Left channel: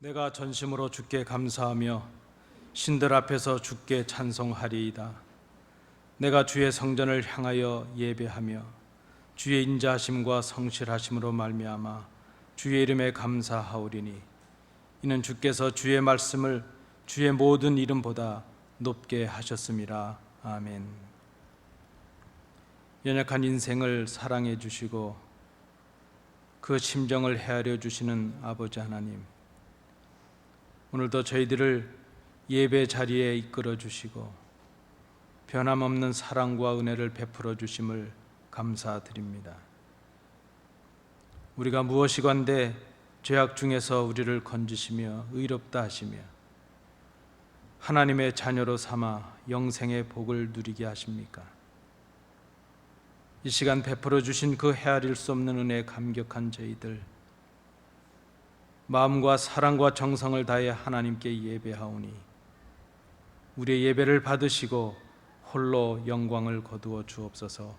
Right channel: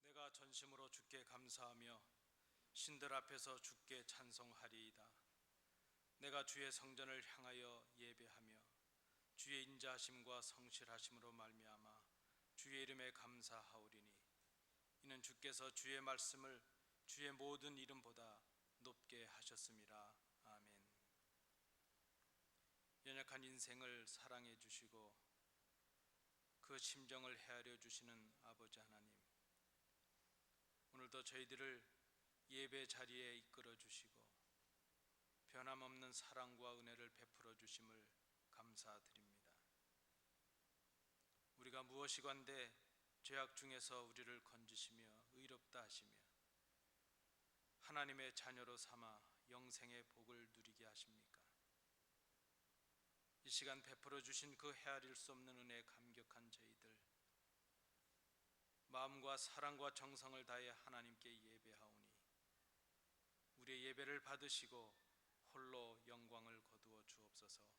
내가 전심으로 주께 감사하며 신들 앞에서 주께 찬송하리이다. 내가 주의 성전을 향하여 예배하며 주의 인자하심과 성실하심으로 말미암아 주의 이름에 감사하오리니 이는 주께서 주의 말씀을 주의 모든 이름보다 높게 하셨음이라. 아멘. 연약한 인생을 사랑해 주시고 그 심정을 헤아려 주시는 아버지 하나님, 오늘도 저희들을 예배 자리에 이끌어 주시고 변함없는 사랑과 은혜를 베풀어 주심을 감사드립니다. 우리가 무엇이건대 죄악 중에서 우리를 건지시며 의롭다 하시며 하나님의 자녀로 삼아 영생의 복을 누리게 하십니까? 이 시간 베풀어 주신 그 헤아릴 수 없는 은혜에 감격한 저희들, 마음과 사랑과 정성을 다해 하나님께 예배하오니 우리의 예배를 받으시고 홀로 영광을 거두어 주옵소서.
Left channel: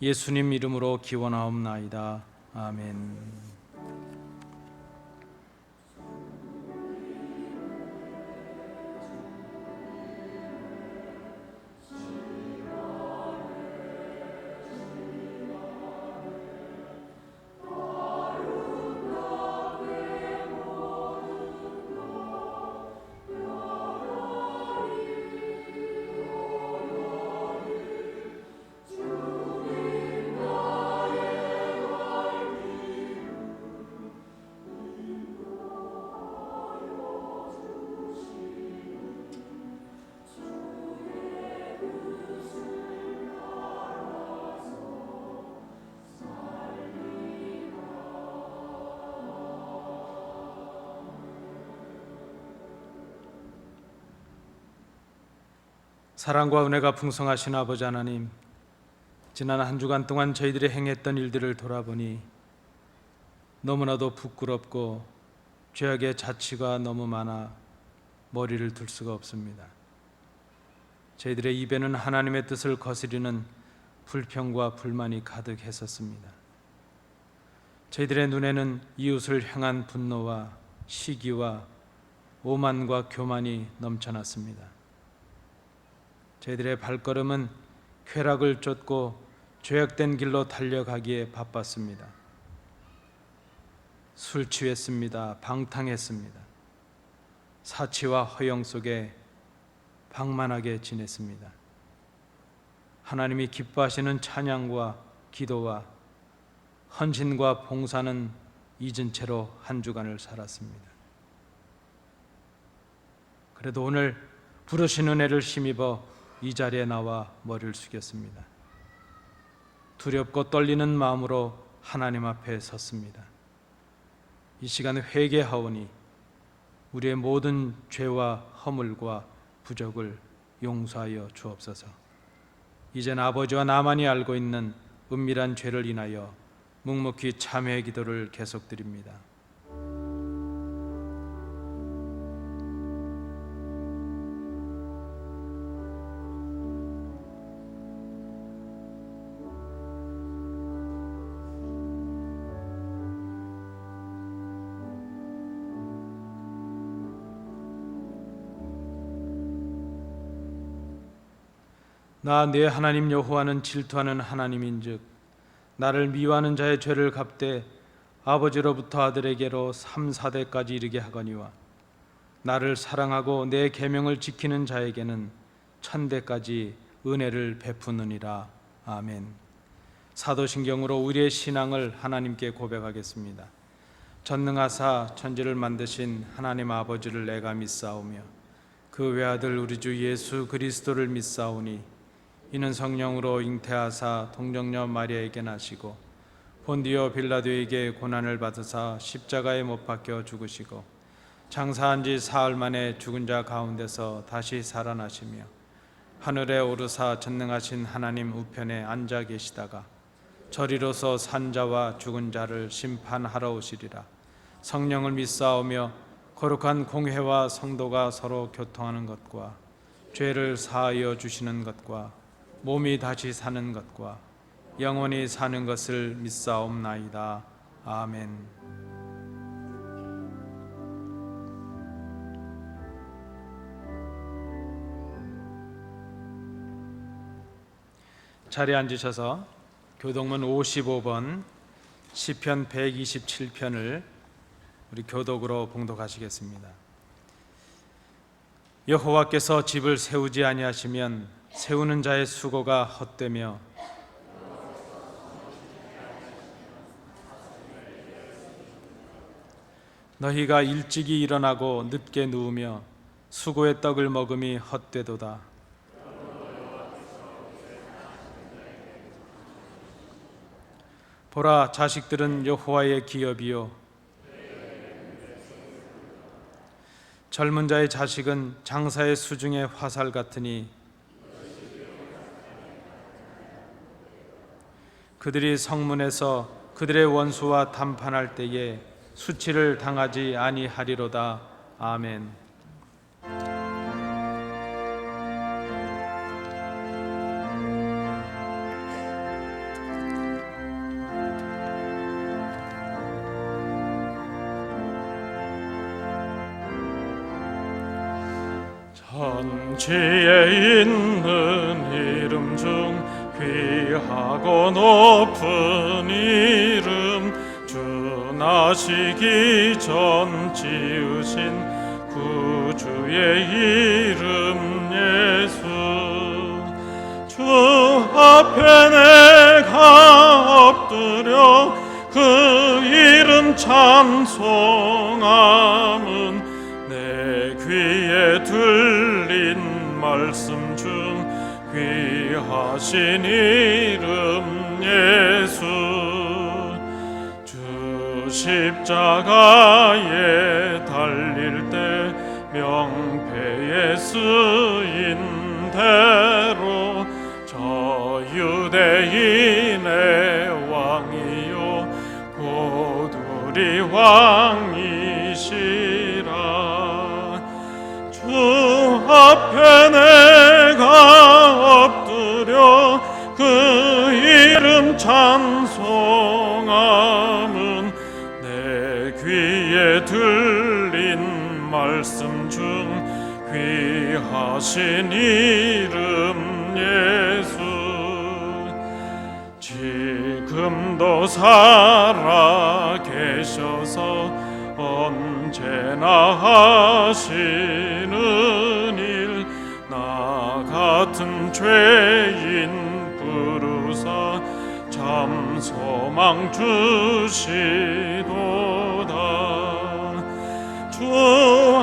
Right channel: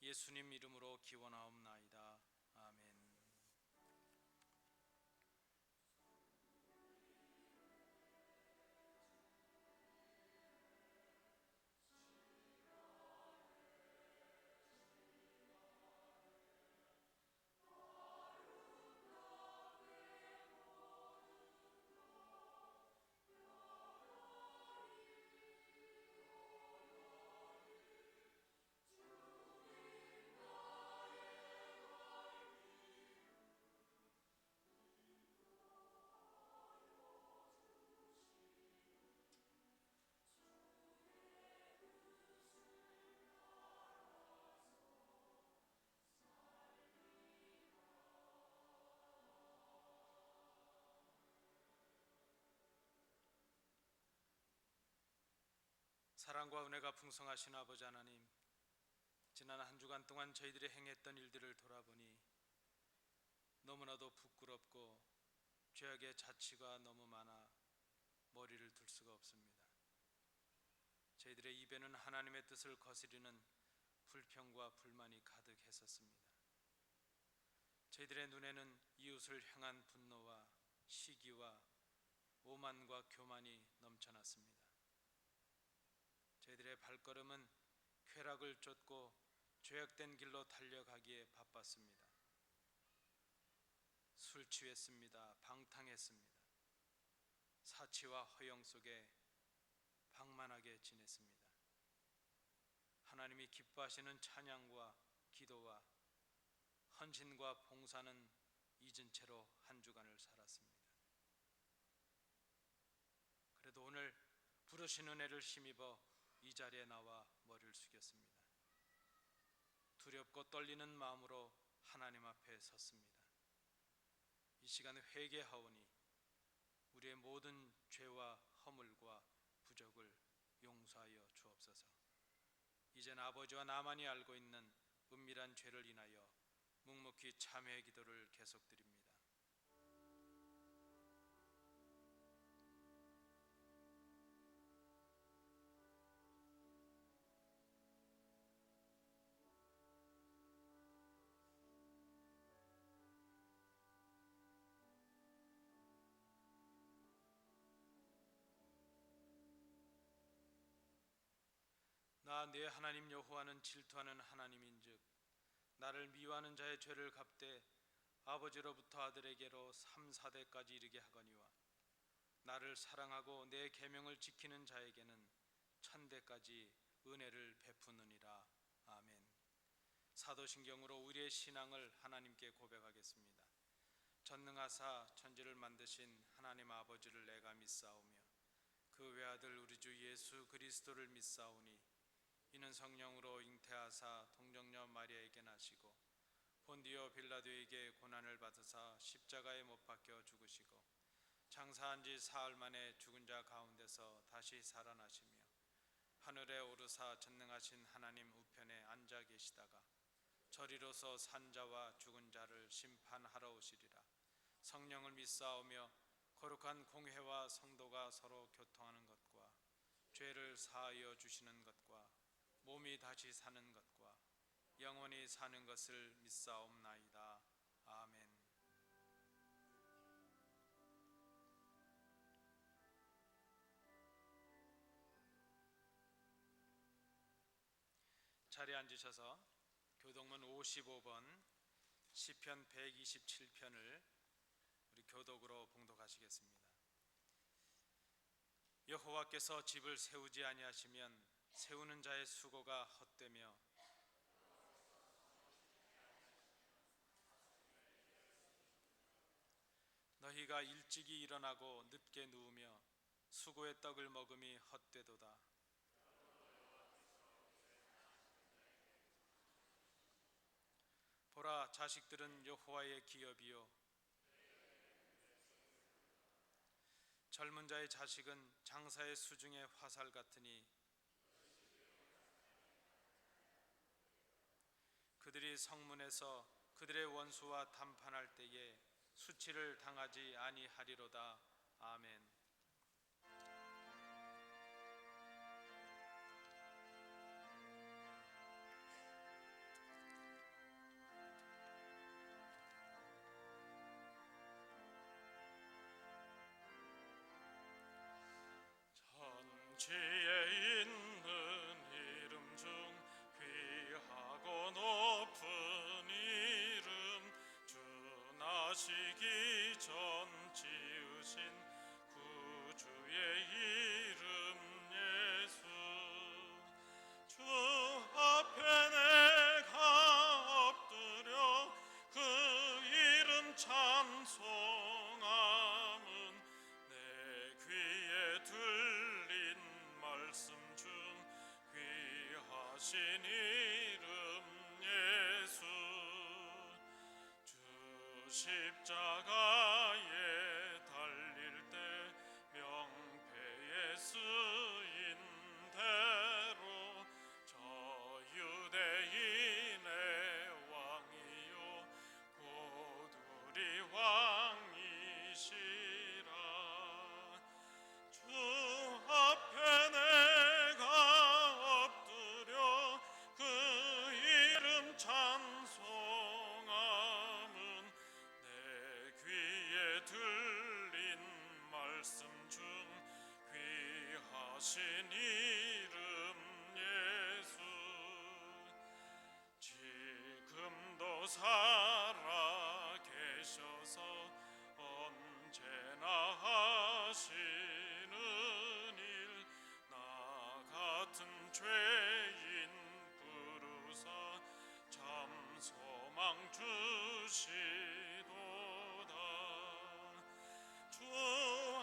예수님 이름으로 기원하옵나이다. 아멘. 사랑과 은혜가 풍성하신 아버지 하나님, 지난 한 주간 동안 저희들이 행했던 일들을 돌아보니 너무나도 부끄럽고 죄악의 자취가 너무 많아 머리를 둘 수가 없습니다. 저희들의 입에는 하나님의 뜻을 거스리는 불평과 불만이 가득했었습니다. 저희들의 눈에는 이웃을 향한 분노와 시기와 오만과 교만이 넘쳐났습니다. 저희들의 발걸음은 쾌락을 쫓고 죄악된 길로 달려가기에 바빴습니다. 술 취했습니다. 방탕했습니다. 사치와 허영 속에 방만하게 지냈습니다. 하나님이 기뻐하시는 찬양과 기도와 헌신과 봉사는 잊은 채로 한 주간을 살았습니다. 그래도 오늘 부르신 은혜를 힘입어 이 자리에 나와 머리를 숙였습니다. 두렵고 떨리는 마음으로 하나님 앞에 섰습니다. 이 시간 회개하오니 우리의 모든 죄와 허물과 부족을 용서하여 주옵소서. 이젠 아버지와 나만이 알고 있는 은밀한 죄를 인하여 묵묵히 참회의 기도를 계속드립니다. 나 내 하나님 여호와는 질투하는 하나님인즉 나를 미워하는 자의 죄를 갚되 아버지로부터 아들에게로 3, 4대까지 이르게 하거니와 나를 사랑하고 내 계명을 지키는 자에게는 1000대까지 은혜를 베푸느니라. 아멘. 사도신경으로 우리의 신앙을 하나님께 고백하겠습니다. 전능하사 천지를 만드신 하나님 아버지를 내가 믿사오며 그 외아들 우리 주 예수 그리스도를 믿사오니 이는 성령으로 잉태하사 동정녀 마리아에게 나시고 본디오 빌라도에게 고난을 받으사 십자가에 못 박혀 죽으시고 장사한 지 사흘 만에 죽은 자 가운데서 다시 살아나시며 하늘에 오르사 전능하신 하나님 우편에 앉아 계시다가 저리로서 산 자와 죽은 자를 심판하러 오시리라. 성령을 믿사오며 거룩한 공회와 성도가 서로 교통하는 것과 죄를 사하여 주시는 것과 몸이 다시 사는 것과 영원히 사는 것을 믿사옵나이다. 아멘. 자리에 앉으셔서 교독문 55번 시편 127편을 우리 교독으로 봉독하시겠습니다. 여호와께서 집을 세우지 아니하시면 세우는 자의 수고가 헛되며 너희가 일찍이 일어나고 늦게 누우며 수고의 떡을 먹음이 헛되도다. 보라, 자식들은 여호와의 기업이요 젊은 자의 자식은 장사의 수중의 화살 같으니 그들이 성문에서 그들의 원수와 담판할 때에 수치를 당하지 아니하리로다. 아멘. 천지에 있는 이름 중 귀하고 높은 이름, 주 나시기 전 지으신 구주의 이름 예수. 주 앞에 내가 엎드려 그 이름 찬송함은 내 귀에 들린 말씀 중 귀하신 이름 예수. 주 십자가에 달릴 때 명패에 쓰인 대로 저 유대인의 왕이요 고두리 왕이시라. 주 앞에 내가 엎드려 그 이름 찬송함은 내 귀에 들린 말씀 중 귀하신 이름 예수. 지금도 살아 계셔서 언제나 하시는 일, 나 같은 죄인 부르사 참 소망 주시도다. 주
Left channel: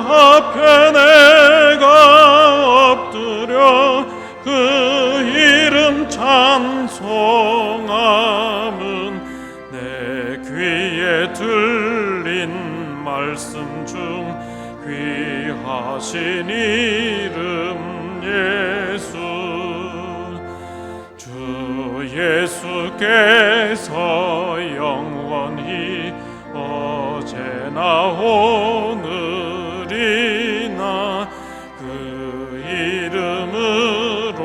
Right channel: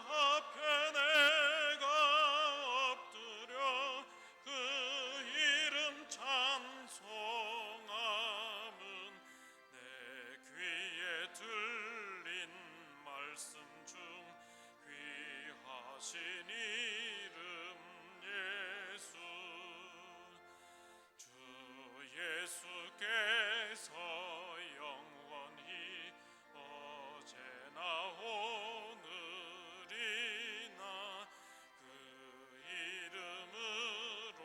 앞에 내가 엎드려 그 이름 찬송함은 내 귀에 들린 말씀 중 귀하신 이름 예수. 주 예수께서 영원히 어제나 오늘이나 그 이름으로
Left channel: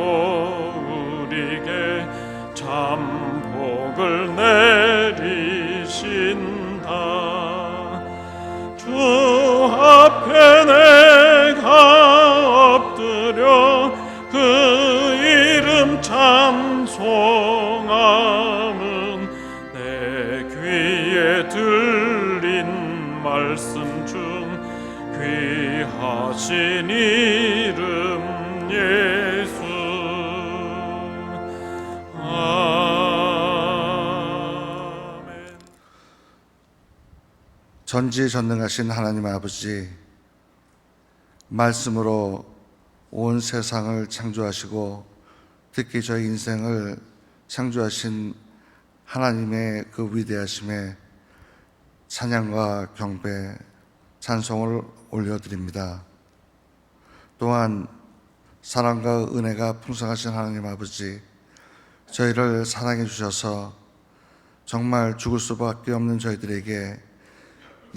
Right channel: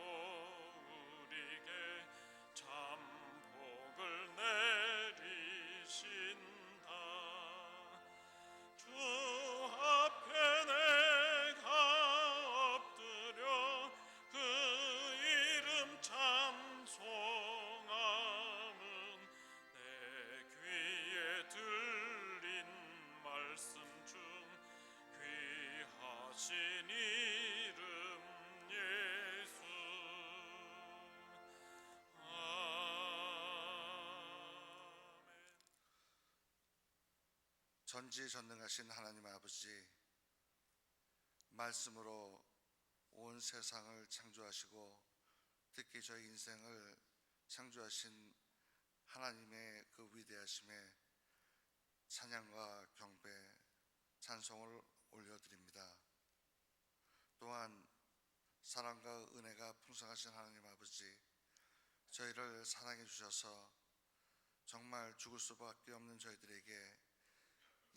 우리에게 참 복을 내리신다. 주 앞에 내가 엎드려 그 이름 찬송함은 내 귀에 들린 말씀 중 귀하신 이름 예수. 아멘. 전지전능하신 하나님 아버지, 말씀으로 온 세상을 창조하시고 특히 저희 인생을 창조하신 하나님의 그 위대하심에 찬양과 경배, 찬송을 올려드립니다. 또한 사랑과 은혜가 풍성하신 하나님 아버지, 저희를 사랑해 주셔서 정말 죽을 수밖에 없는 저희들에게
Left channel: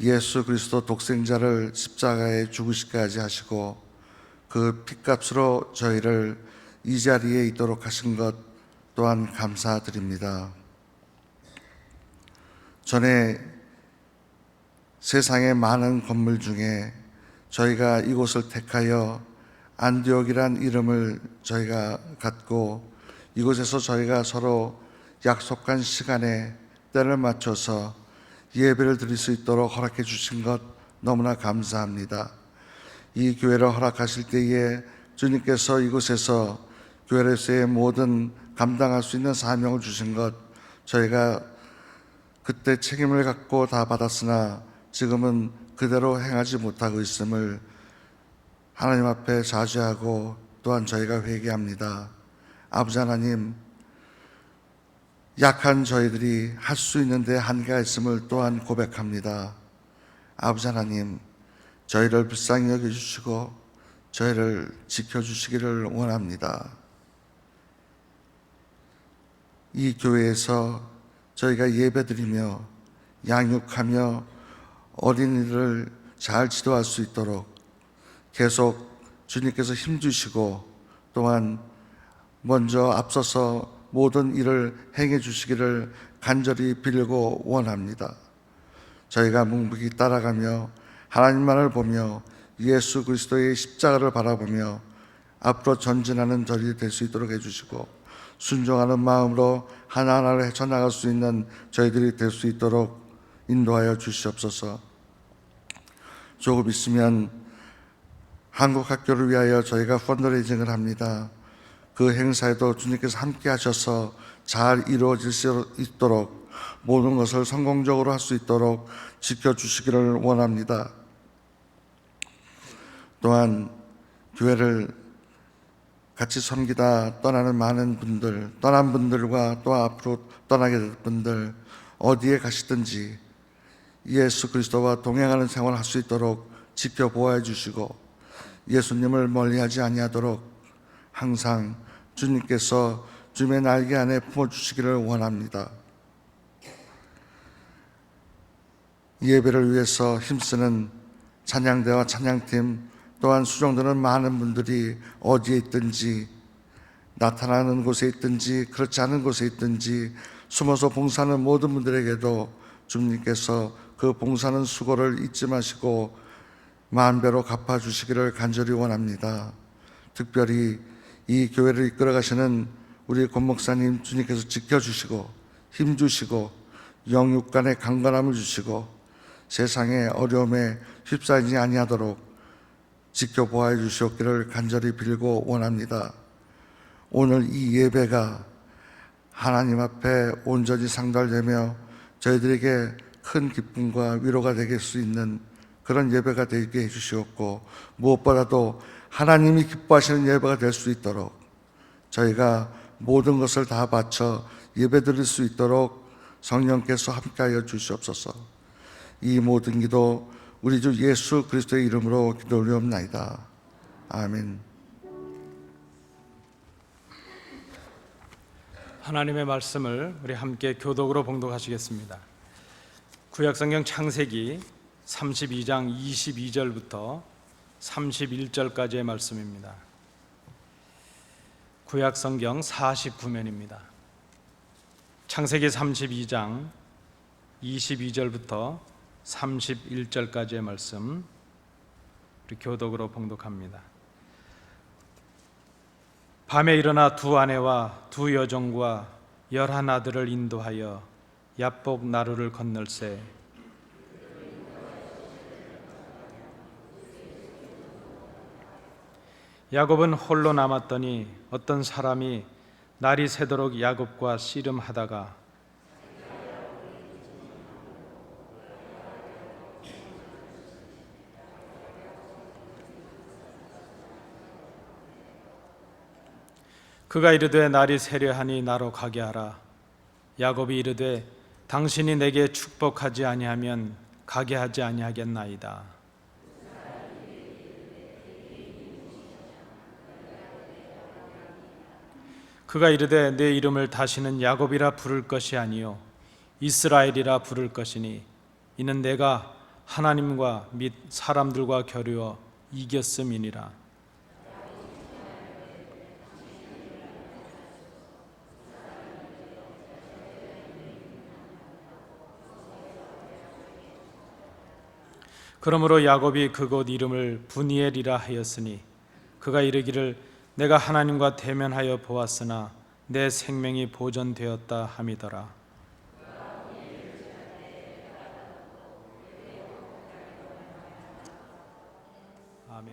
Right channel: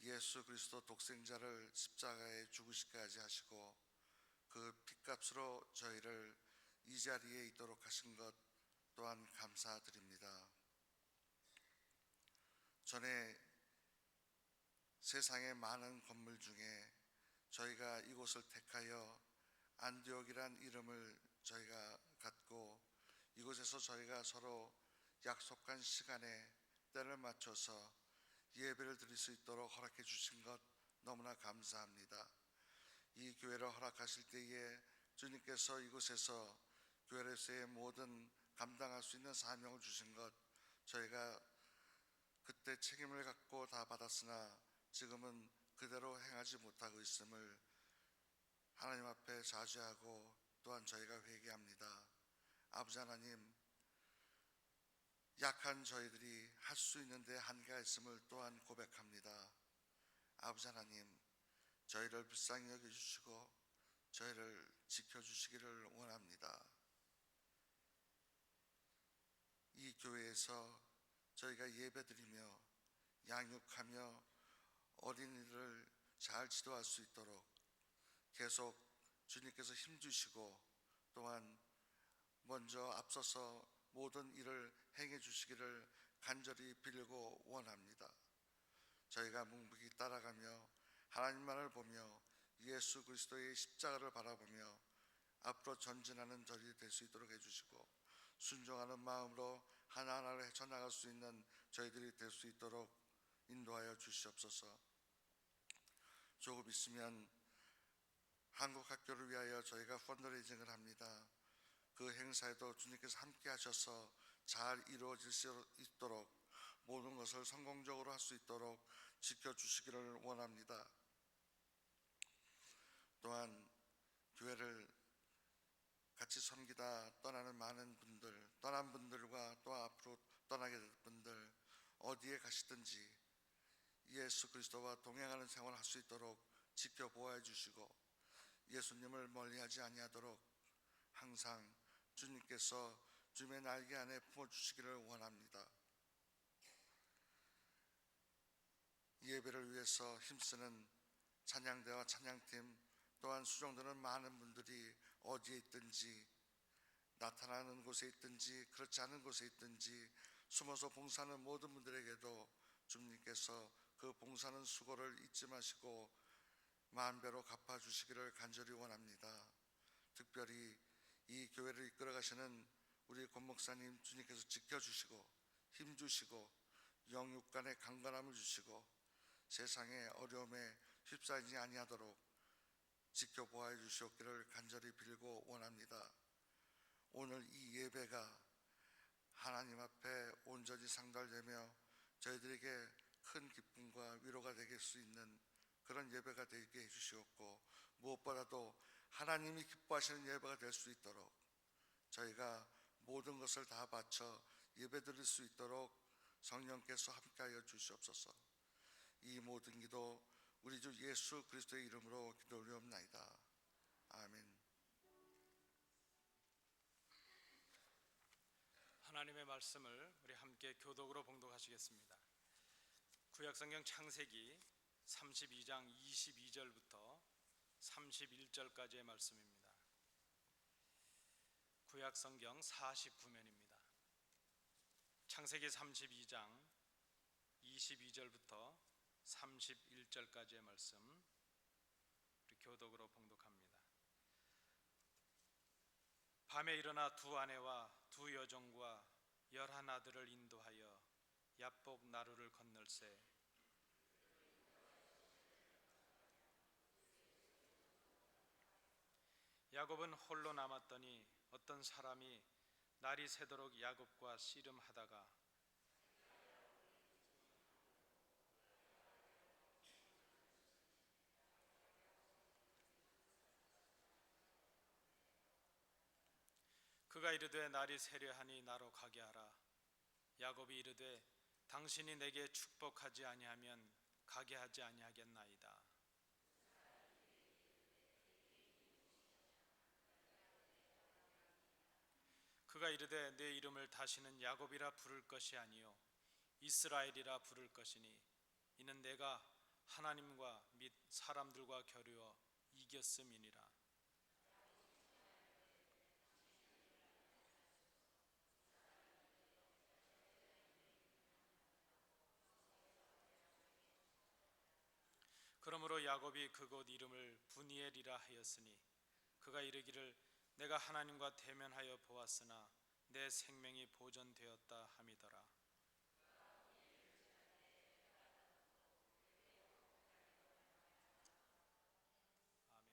예수 그리스도 독생자를 십자가에 죽으시기까지 하시고 그 핏값으로 저희를 이 자리에 있도록 하신 것 또한 감사드립니다. 전에 세상의 많은 건물 중에 저희가 이곳을 택하여 안디옥이란 이름을 저희가 갖고 이곳에서 저희가 서로 약속한 시간에 때를 맞춰서 예배를 드릴 수 있도록 허락해 주신 것 너무나 감사합니다. 이 교회를 허락하실 때에 주님께서 이곳에서 교회로서의 모든 감당할 수 있는 사명을 주신 것, 저희가 그때 책임을 갖고 다 받았으나 지금은 그대로 행하지 못하고 있음을 하나님 앞에 자주하고 또한 저희가 회개합니다. 아버지 하나님, 약한 저희들이 할 수 있는데 한계가 있음을 또한 고백합니다. 아버지 하나님, 저희를 불쌍히 여겨주시고 저희를 지켜주시기를 원합니다. 이 교회에서 저희가 예배드리며 양육하며 어린이를 잘 지도할 수 있도록 계속 주님께서 힘주시고 또한 먼저 앞서서 모든 일을 행해 주시기를 간절히 빌고 원합니다. 저희가 묵묵히 따라가며 하나님만을 보며 예수 그리스도의 십자가를 바라보며 앞으로 전진하는 저희 될 수 있도록 해주시고 순종하는 마음으로 하나하나를 헤쳐나갈 수 있는 저희들이 될 수 있도록 인도하여 주시옵소서. 조금 있으면 한국 학교를 위하여 저희가 펀드레이징을 합니다. 그 행사에도 주님께서 함께 하셔서 잘 이루어질 수 있도록 모든 것을 성공적으로 할 수 있도록 지켜주시기를 원합니다. 또한 교회를 같이 섬기다 떠나는 많은 분들, 떠난 분들과 또 앞으로 떠나게 될 분들, 어디에 가시든지 예수 그리스도와 동행하는 생활을 할 수 있도록 지켜보아 주시고 예수님을 멀리하지 아니하도록 항상 주님께서 주님의 날개 안에 품어주시기를 원합니다. 예배를 위해서 힘쓰는 찬양대와 찬양팀 또한 수종드는 많은 분들이 어디에 있든지 나타나는 곳에 있든지 그렇지 않은 곳에 있든지 숨어서 봉사하는 모든 분들에게도 주님께서 그 봉사하는 수고를 잊지 마시고 만배로 갚아주시기를 간절히 원합니다. 특별히 이 교회를 이끌어 가시는 우리 권 목사님 주님께서 지켜주시고 힘주시고 영육간의 강건함을 주시고 세상의 어려움에 휩싸이지 아니하도록 지켜보아 주시옵기를 간절히 빌고 원합니다. 오늘 이 예배가 하나님 앞에 온전히 상달되며 저희들에게 큰 기쁨과 위로가 되게 수 있는 그런 예배가 되게 해주시옵고 무엇보다도 하나님이 기뻐하시는 예배가 될 수 있도록 저희가 모든 것을 다 바쳐 예배 드릴 수 있도록 성령께서 함께하여 주시옵소서. 이 모든 기도 우리 주 예수 그리스도의 이름으로 기도 올리옵나이다. 아멘. 하나님의 말씀을 우리 함께 교독으로 봉독하시겠습니다. 구약성경 창세기 32장 22절부터 31절까지의 말씀입니다. 구약성경 49면입니다. 창세기 32장 22절부터 31절까지의 말씀 우리 교독으로 봉독합니다. 밤에 일어나 두 아내와 두 여종과 11 아들을 인도하여 야복 나루를 건널세 야곱은 홀로 남았더니 어떤 사람이 날이 새도록 야곱과 씨름하다가 그가 이르되 날이 새려하니 나로 가게 하라. 야곱이 이르되 당신이 내게 축복하지 아니하면 가게 하지 아니하겠나이다. 그가 이르되 내 이름을 다시는 야곱이라 부를 것이 아니요 이스라엘이라 부를 것이니 이는 내가 하나님과 및 사람들과 겨루어 이겼음이니라. 그러므로 야곱이 그곳 이름을 브니엘이라 하였으니 그가 이르기를 내가 하나님과 대면하여 보았으나 내 생명이 보존되었다 함이더라. 아멘.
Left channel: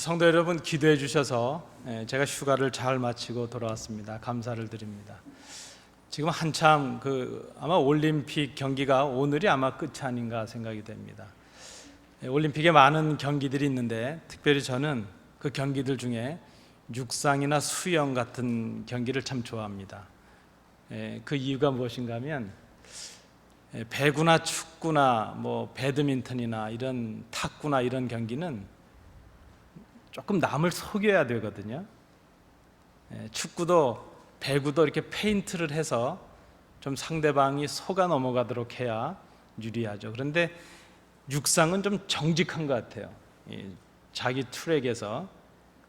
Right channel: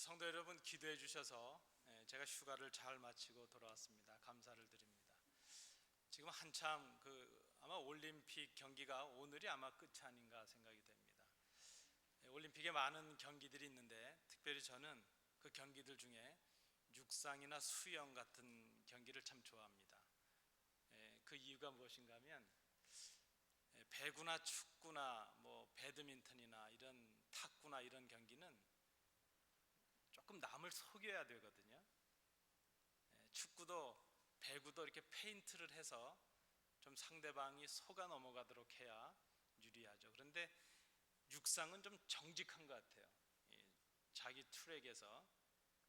성도 여러분, 기도해 주셔서 제가 휴가를 잘 마치고 돌아왔습니다. 감사를 드립니다. 지금 한참 아마 올림픽 경기가 오늘이 아마 끝이 아닌가 생각이 됩니다. 올림픽에 많은 경기들이 있는데 특별히 저는 그 경기들 중에 육상이나 수영 같은 경기를 참 좋아합니다. 그 이유가 무엇인가 하면 배구나 축구나 뭐 배드민턴이나 이런 탁구나 이런 경기는 조금 남을 속여야 되거든요. 축구도 배구도 이렇게 페인트를 해서 좀 상대방이 속아 넘어가도록 해야 유리하죠. 그런데 육상은 좀 정직한 것 같아요. 자기 트랙에서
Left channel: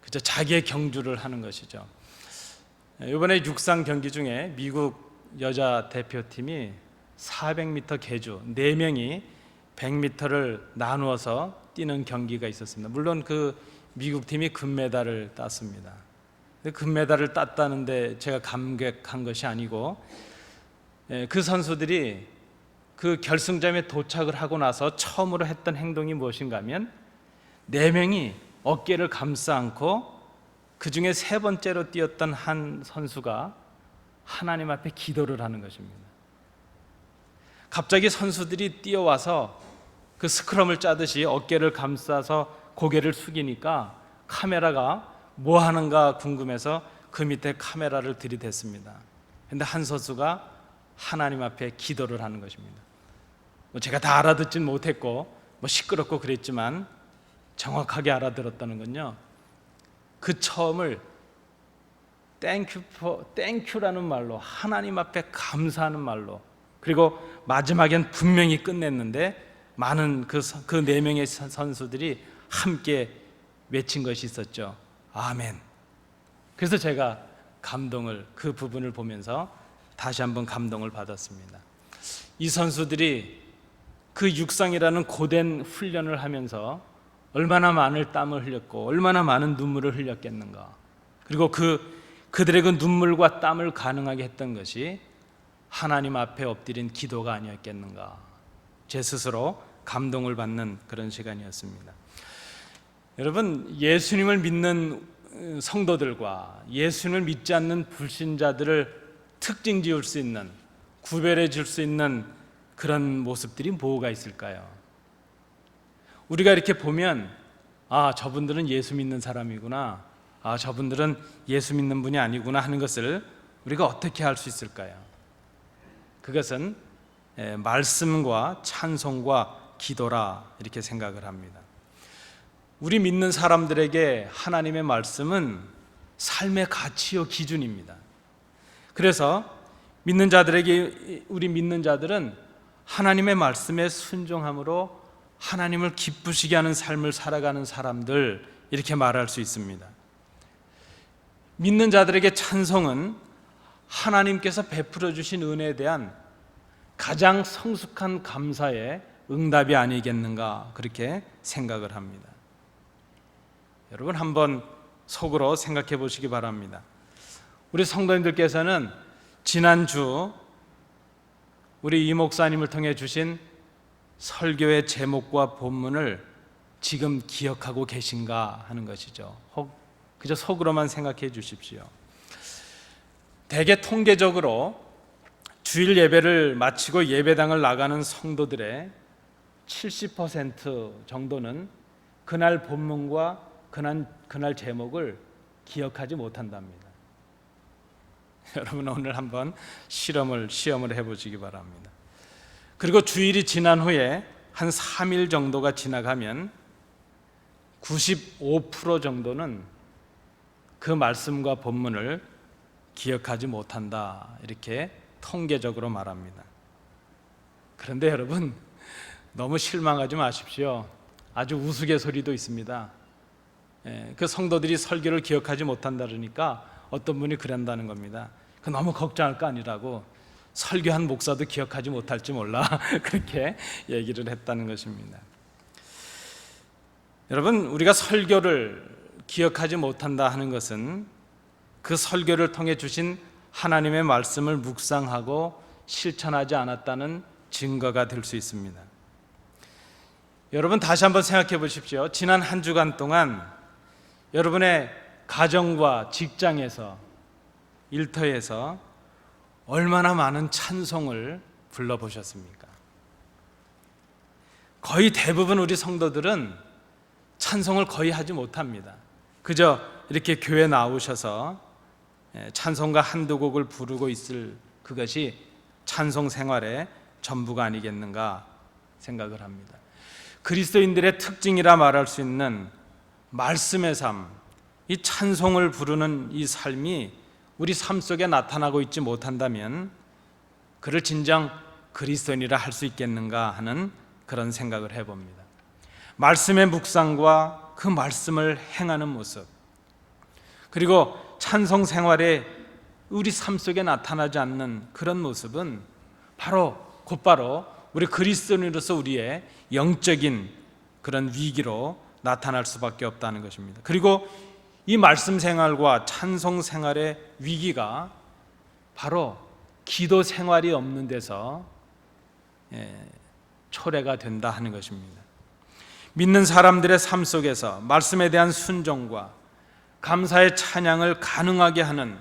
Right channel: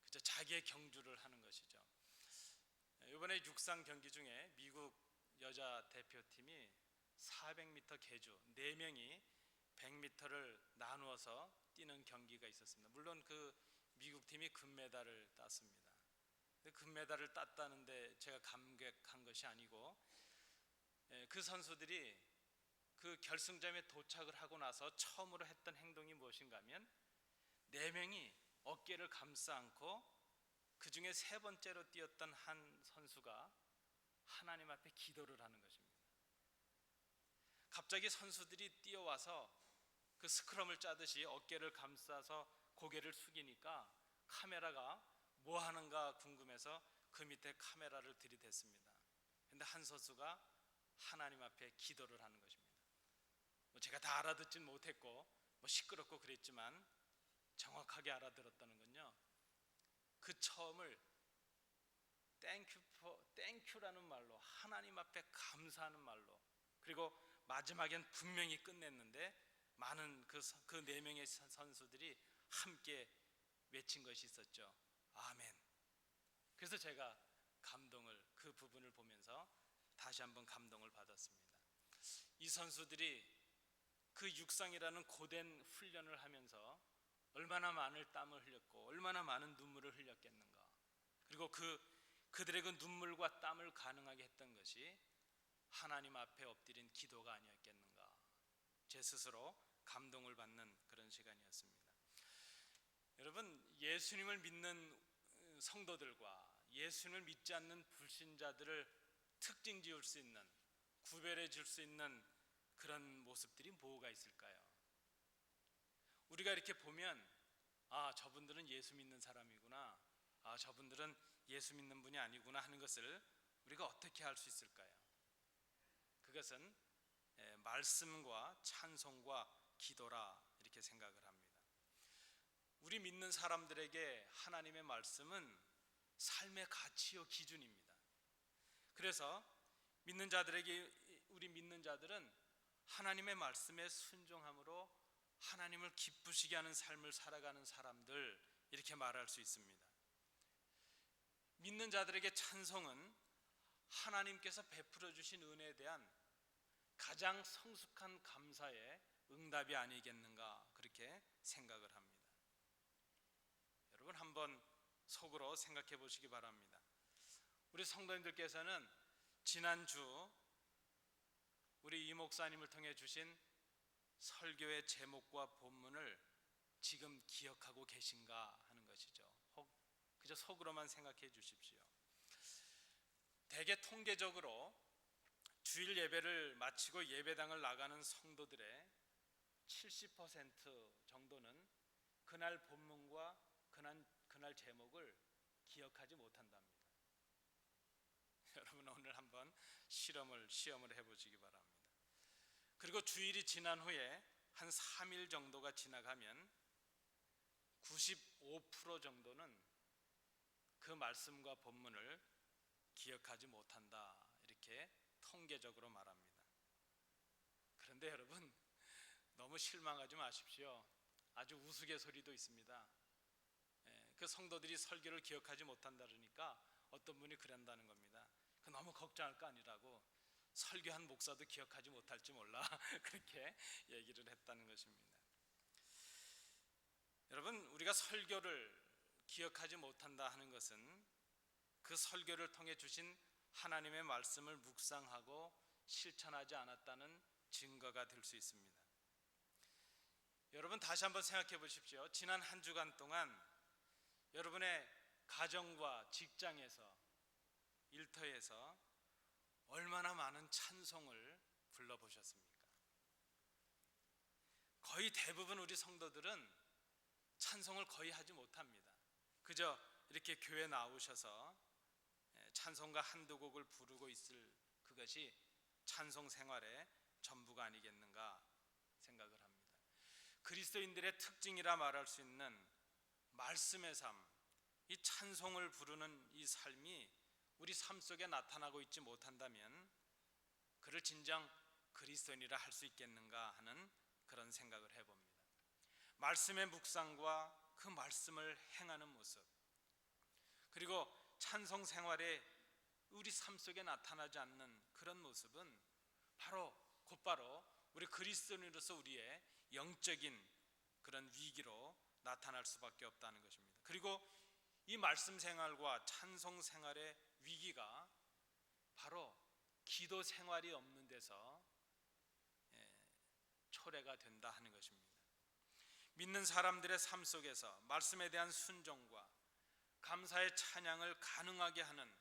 그저 자기의 경주를 하는 것이죠. 이번에 육상 경기 중에 미국 여자 대표팀이 400m 계주 4명이 100m를 나누어서 뛰는 경기가 있었습니다. 물론 그 미국 팀이 금메달을 땄습니다. 금메달을 땄다는데 제가 감격한 것이 아니고 그 선수들이 그 결승점에 도착을 하고 나서 처음으로 했던 행동이 무엇인가 하면 네 명이 어깨를 감싸 안고 그 중에 세 번째로 뛰었던 한 선수가 하나님 앞에 기도를 하는 것입니다. 갑자기 선수들이 뛰어와서 그 스크럼을 짜듯이 어깨를 감싸서 고개를 숙이니까 카메라가 뭐 하는가 궁금해서 그 밑에 카메라를 들이댔습니다. 그런데 한 선수가 하나님 앞에 기도를 하는 것입니다. 제가 다 알아듣진 못했고 시끄럽고 그랬지만 정확하게 알아들었다는 건요, 그 처음을 땡큐라는 말로, 하나님 앞에 감사하는 말로, 그리고 마지막엔 분명히 끝냈는데 많은 그 네 명의 선수들이 함께 외친 것이 있었죠. 아멘. 그래서 제가 그 부분을 보면서 다시 한번 감동을 받았습니다. 이 선수들이 그 육상이라는 고된 훈련을 하면서 얼마나 많은 땀을 흘렸고 얼마나 많은 눈물을 흘렸겠는가. 그리고 그들의 그 눈물과 땀을 가능하게 했던 것이 하나님 앞에 엎드린 기도가 아니었겠는가. 제 스스로 감동을 받는 그런 시간이었습니다. 여러분, 예수님을 믿는 성도들과 예수님을 믿지 않는 불신자들을 특징 지을 수 있는, 구별해 줄 수 있는 그런 모습들이 뭐가 있을까요? 우리가 이렇게 보면 저분들은 예수 믿는 사람이구나, 저분들은 예수 믿는 분이 아니구나 하는 것을 우리가 어떻게 알 수 있을까요? 그것은 말씀과 찬송과 기도라 이렇게 생각을 합니다. 우리 믿는 사람들에게 하나님의 말씀은 삶의 가치요 기준입니다. 그래서 우리 믿는 자들은 하나님의 말씀에 순종함으로 하나님을 기쁘시게 하는 삶을 살아가는 사람들, 이렇게 말할 수 있습니다. 믿는 자들에게 찬송은 하나님께서 베풀어 주신 은혜에 대한 가장 성숙한 감사의 응답이 아니겠는가, 그렇게 생각을 합니다. 여러분, 한번 속으로 생각해 보시기 바랍니다. 우리 성도님들께서는 지난주 우리 이 목사님을 통해 주신 설교의 제목과 본문을 지금 기억하고 계신가 하는 것이죠. 그저 속으로만 생각해 주십시오. 대개 통계적으로 주일 예배를 마치고 예배당을 나가는 성도들의 70% 정도는 그날 본문과 그날 제목을 기억하지 못한답니다. 여러분, 오늘 한번 시험을 해보시기 바랍니다. 그리고 주일이 지난 후에 한 3일 정도가 지나가면 95% 정도는 그 말씀과 본문을 기억하지 못한다, 이렇게 통계적으로 말합니다. 그런데 여러분, 너무 실망하지 마십시오. 아주 우스갯소리도 있습니다. 그 성도들이 설교를 기억하지 못한다 그러니까 어떤 분이 그런다는 겁니다. 너무 걱정할 거 아니라고, 설교한 목사도 기억하지 못할지 몰라 그렇게 얘기를 했다는 것입니다. 여러분, 우리가 설교를 기억하지 못한다 하는 것은 그 설교를 통해 주신 하나님의 말씀을 묵상하고 실천하지 않았다는 증거가 될 수 있습니다. 여러분, 다시 한번 생각해 보십시오. 지난 한 주간 동안 여러분의 가정과 직장에서, 일터에서 얼마나 많은 찬송을 불러보셨습니까? 거의 대부분 우리 성도들은 찬송을 거의 하지 못합니다. 그저 이렇게 교회 나오셔서 찬송가 한두 곡을 부르고 있을 그것이 찬송 생활의 전부가 아니겠는가 생각을 합니다. 그리스도인들의 특징이라 말할 수 있는 말씀의 삶, 이 찬송을 부르는 이 삶이 우리 삶 속에 나타나고 있지 못한다면 그를 진정 그리스도인이라 할 수 있겠는가 하는 그런 생각을 해봅니다. 말씀의 묵상과 그 말씀을 행하는 모습, 그리고 찬송 생활에 우리 삶 속에 나타나지 않는 그런 모습은 곧바로 우리 그리스도인으로서 우리의 영적인 그런 위기로 나타날 수밖에 없다는 것입니다. 그리고 이 말씀 생활과 찬송 생활의 위기가 바로 기도 생활이 없는 데서 초래가 된다 하는 것입니다. 믿는 사람들의 삶 속에서 말씀에 대한 순종과 감사의 찬양을 가능하게 하는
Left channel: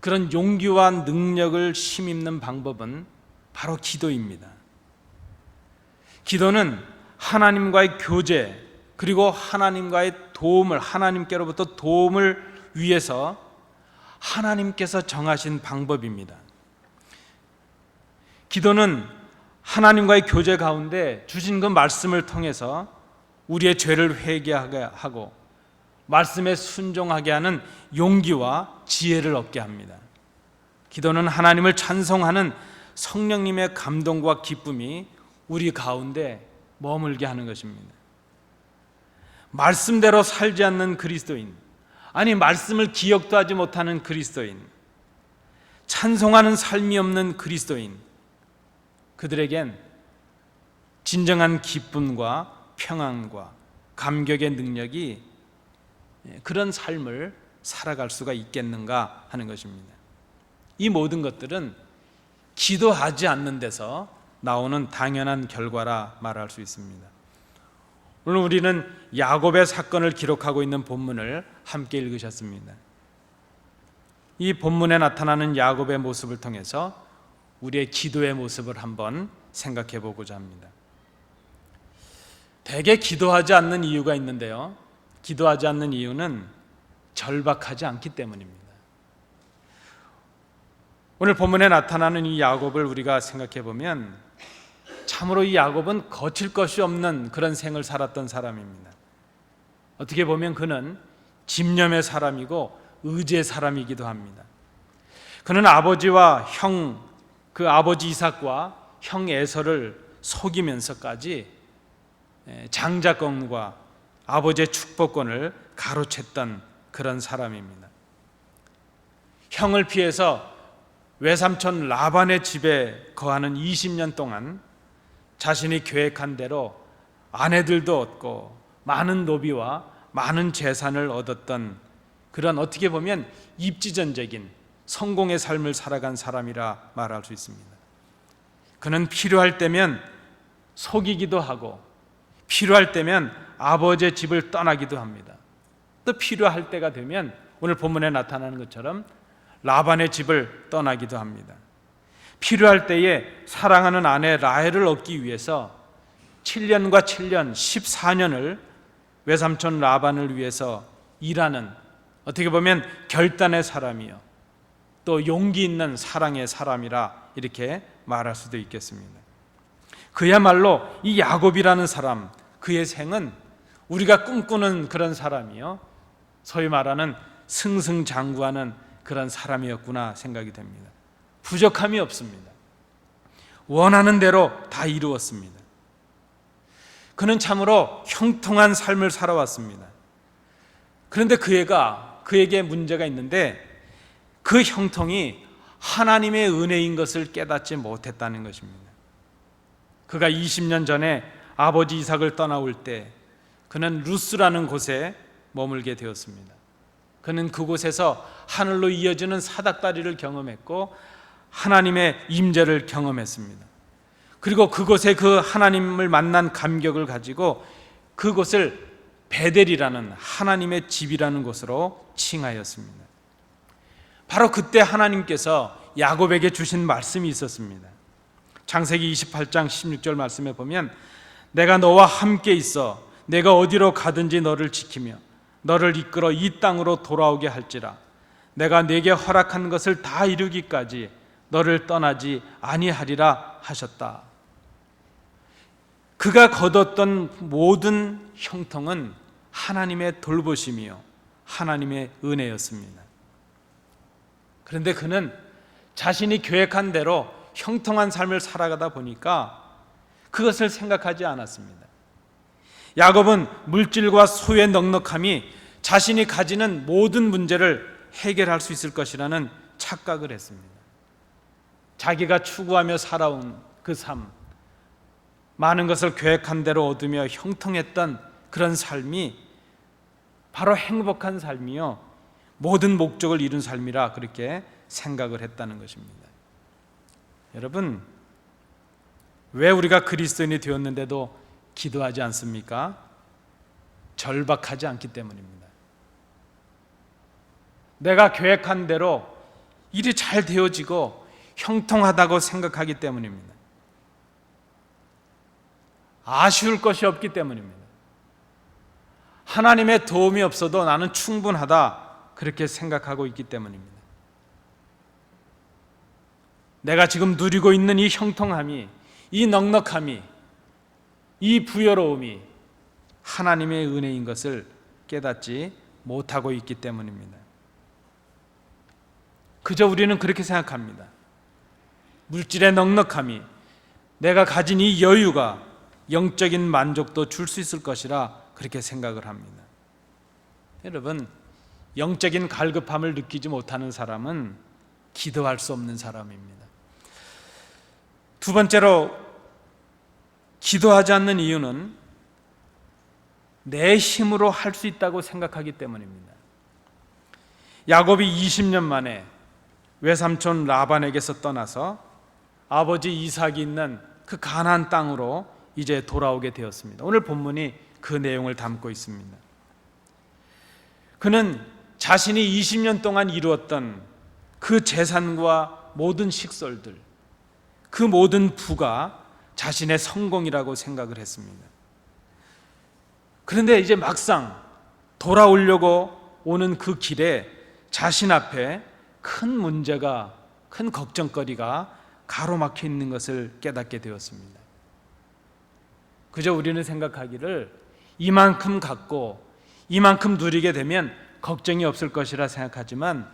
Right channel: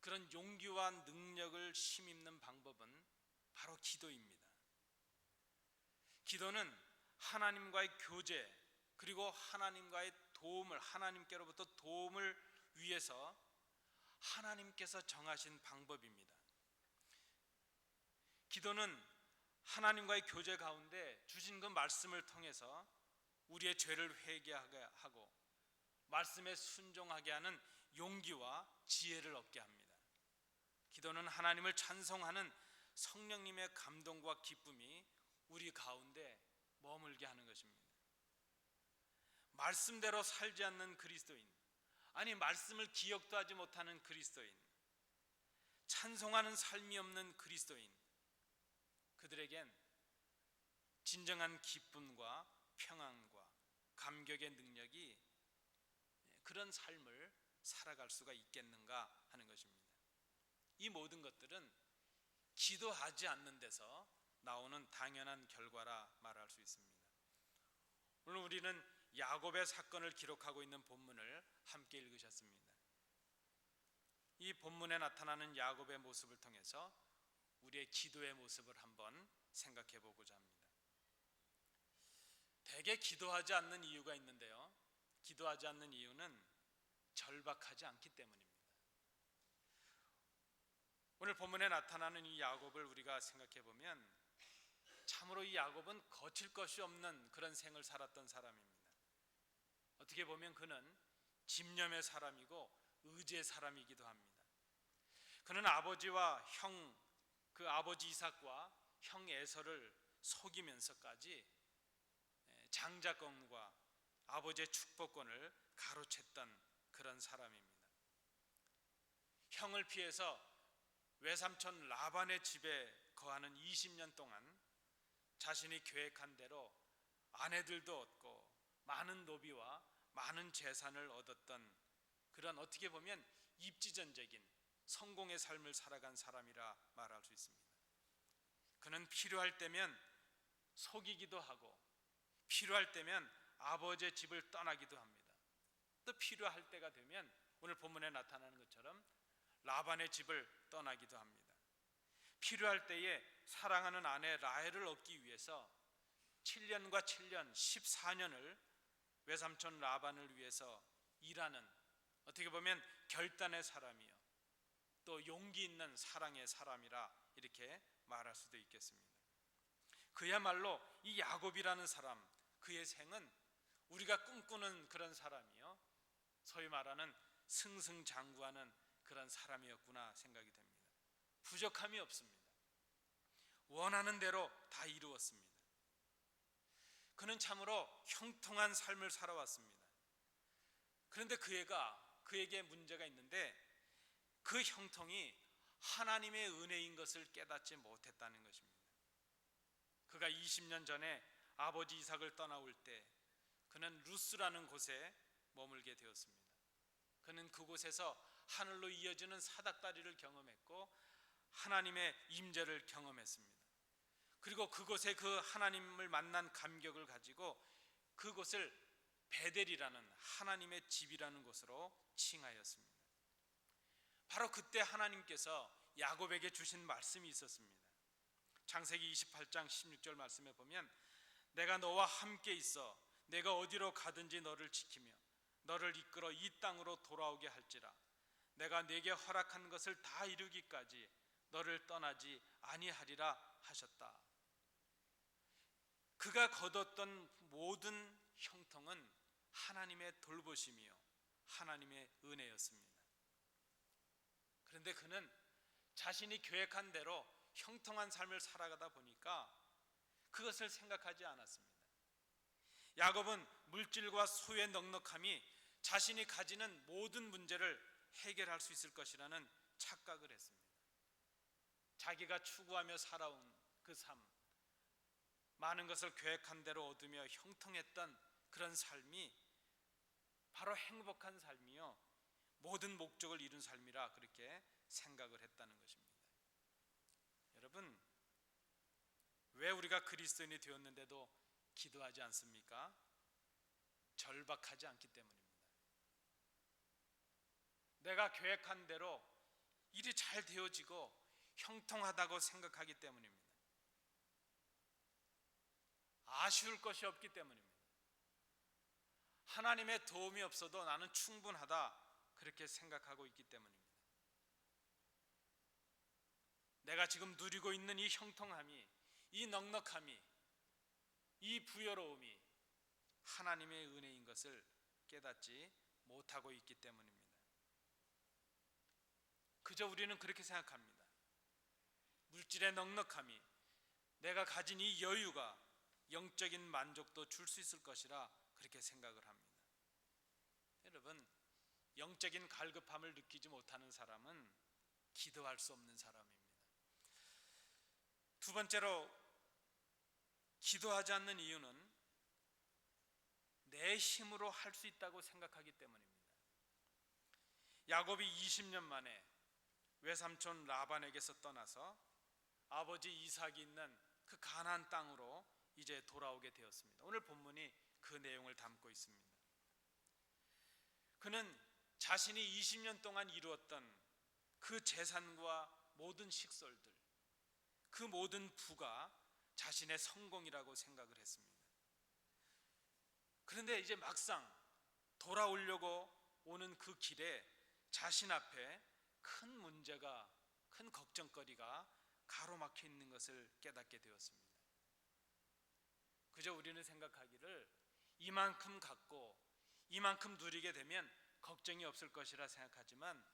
그런 용기와 능력을 힘입는 방법은 바로 기도입니다. 기도는 하나님과의 교제, 그리고 하나님과의 도움을, 하나님께로부터 도움을 위해서 하나님께서 정하신 방법입니다. 기도는 하나님과의 교제 가운데 주신 그 말씀을 통해서 우리의 죄를 회개하게 하고 말씀에 순종하게 하는 용기와 지혜를 얻게 합니다. 기도는 하나님을 찬송하는 성령님의 감동과 기쁨이 우리 가운데 머물게 하는 것입니다. 말씀대로 살지 않는 그리스도인, 아니 말씀을 기억도 하지 못하는 그리스도인, 찬송하는 삶이 없는 그리스도인, 그들에겐 진정한 기쁨과 평안과 감격의 능력이 그런 삶을 살아갈 수가 있겠는가 하는 것입니다. 이 모든 것들은 기도하지 않는 데서 나오는 당연한 결과라 말할 수 있습니다. 오늘 우리는 야곱의 사건을 기록하고 있는 본문을 함께 읽으셨습니다. 이 본문에 나타나는 야곱의 모습을 통해서 우리의 기도의 모습을 한번 생각해 보고자 합니다. 대개 기도하지 않는 이유가 있는데요, 기도하지 않는 이유는 절박하지 않기 때문입니다. 오늘 본문에 나타나는 이 야곱을 우리가 생각해 보면 참으로 이 야곱은 거칠 것이 없는 그런 생을 살았던 사람입니다. 어떻게 보면 그는 집념의 사람이고 의지의 사람이기도 합니다. 그는 아버지와 그 아버지 이삭과 형 에서를 속이면서까지 장자권과 아버지의 축복권을 가로챘던 그런 사람입니다. 형을 피해서 외삼촌 라반의 집에 거하는 20년 동안 자신이 계획한 대로 아내들도 얻고 많은 노비와 많은 재산을 얻었던 그런, 어떻게 보면 입지전적인 성공의 삶을 살아간 사람이라 말할 수 있습니다. 그는 필요할 때면 속이기도 하고 필요할 때면 아버지의 집을 떠나기도 합니다. 또 필요할 때가 되면 오늘 본문에 나타나는 것처럼 라반의 집을 떠나기도 합니다. 필요할 때에 사랑하는 아내 라헬을 얻기 위해서 7년과 7년 14년을 외삼촌 라반을 위해서 일하는, 어떻게 보면 결단의 사람이요 또 용기 있는 사랑의 사람이라 이렇게 말할 수도 있겠습니다. 그야말로 이 야곱이라는 사람, 그의 생은 우리가 꿈꾸는 그런 사람이요 소위 말하는 승승장구하는 그런 사람이었구나 생각이 됩니다. 부족함이 없습니다. 원하는 대로 다 이루었습니다. 그는 참으로 형통한 삶을 살아왔습니다. 그런데 그에게 문제가 있는데 그 형통이 하나님의 은혜인 것을 깨닫지 못했다는 것입니다. 그가 20년 전에 아버지 이삭을 떠나올 때 그는 루스라는 곳에 머물게 되었습니다. 그는 그곳에서 하늘로 이어지는 사닥다리를 경험했고 하나님의 임재를 경험했습니다. 그리고 그곳에 그 하나님을 만난 감격을 가지고 그곳을 베델이라는 하나님의 집이라는 곳으로 칭하였습니다. 바로 그때 하나님께서 야곱에게 주신 말씀이 있었습니다. 창세기 28장 16절 말씀에 보면 내가 너와 함께 있어 내가 어디로 가든지 너를 지키며 너를 이끌어 이 땅으로 돌아오게 할지라 내가 네게 허락한 것을 다 이루기까지 너를 떠나지 아니하리라 하셨다. 그가 거뒀던 모든 형통은 하나님의 돌보심이요 하나님의 은혜였습니다. 그런데 그는 자신이 계획한 대로 형통한 삶을 살아가다 보니까 그것을 생각하지 않았습니다. 야곱은 물질과 소유의 넉넉함이 자신이 가지는 모든 문제를 해결할 수 있을 것이라는 착각을 했습니다. 자기가 추구하며 살아온 그 삶, 많은 것을 계획한 대로 얻으며 형통했던 그런 삶이 바로 행복한 삶이요 모든 목적을 이룬 삶이라 그렇게 생각을 했다는 것입니다. 여러분, 왜 우리가 그리스도인이 되었는데도 기도하지 않습니까? 절박하지 않기 때문입니다. 내가 계획한 대로 일이 잘 되어지고 형통하다고 생각하기 때문입니다. 아쉬울 것이 없기 때문입니다. 하나님의 도움이 없어도 나는 충분하다 그렇게 생각하고 있기 때문입니다. 내가 지금 누리고 있는 이 형통함이, 이 넉넉함이, 이 부여로움이 하나님의 은혜인 것을 깨닫지 못하고 있기 때문입니다. 그저 우리는 그렇게 생각합니다. 물질의 넉넉함이, 내가 가진 이 여유가 영적인 만족도 줄 수 있을 것이라 그렇게 생각을 합니다. 여러분, 영적인 갈급함을 느끼지 못하는 사람은 기도할 수 없는 사람입니다. 두 번째로, 기도하지 않는 이유는 내 힘으로 할 수 있다고 생각하기 때문입니다. 야곱이 20년 만에 외삼촌 라반에게서 떠나서 아버지 이삭이 있는 그 가나안 땅으로 이제 돌아오게 되었습니다. 오늘 본문이 그 내용을 담고 있습니다. 그는 자신이 20년 동안 이루었던 그 재산과 모든 식솔들, 그 모든 부가 자신의 성공이라고 생각을 했습니다. 그런데 이제 막상 돌아오려고 오는 그 길에 자신 앞에 큰 문제가, 큰 걱정거리가 가로막혀 있는 것을 깨닫게 되었습니다. 그저 우리는 생각하기를 이만큼 갖고 이만큼 누리게 되면 걱정이 없을 것이라 생각하지만,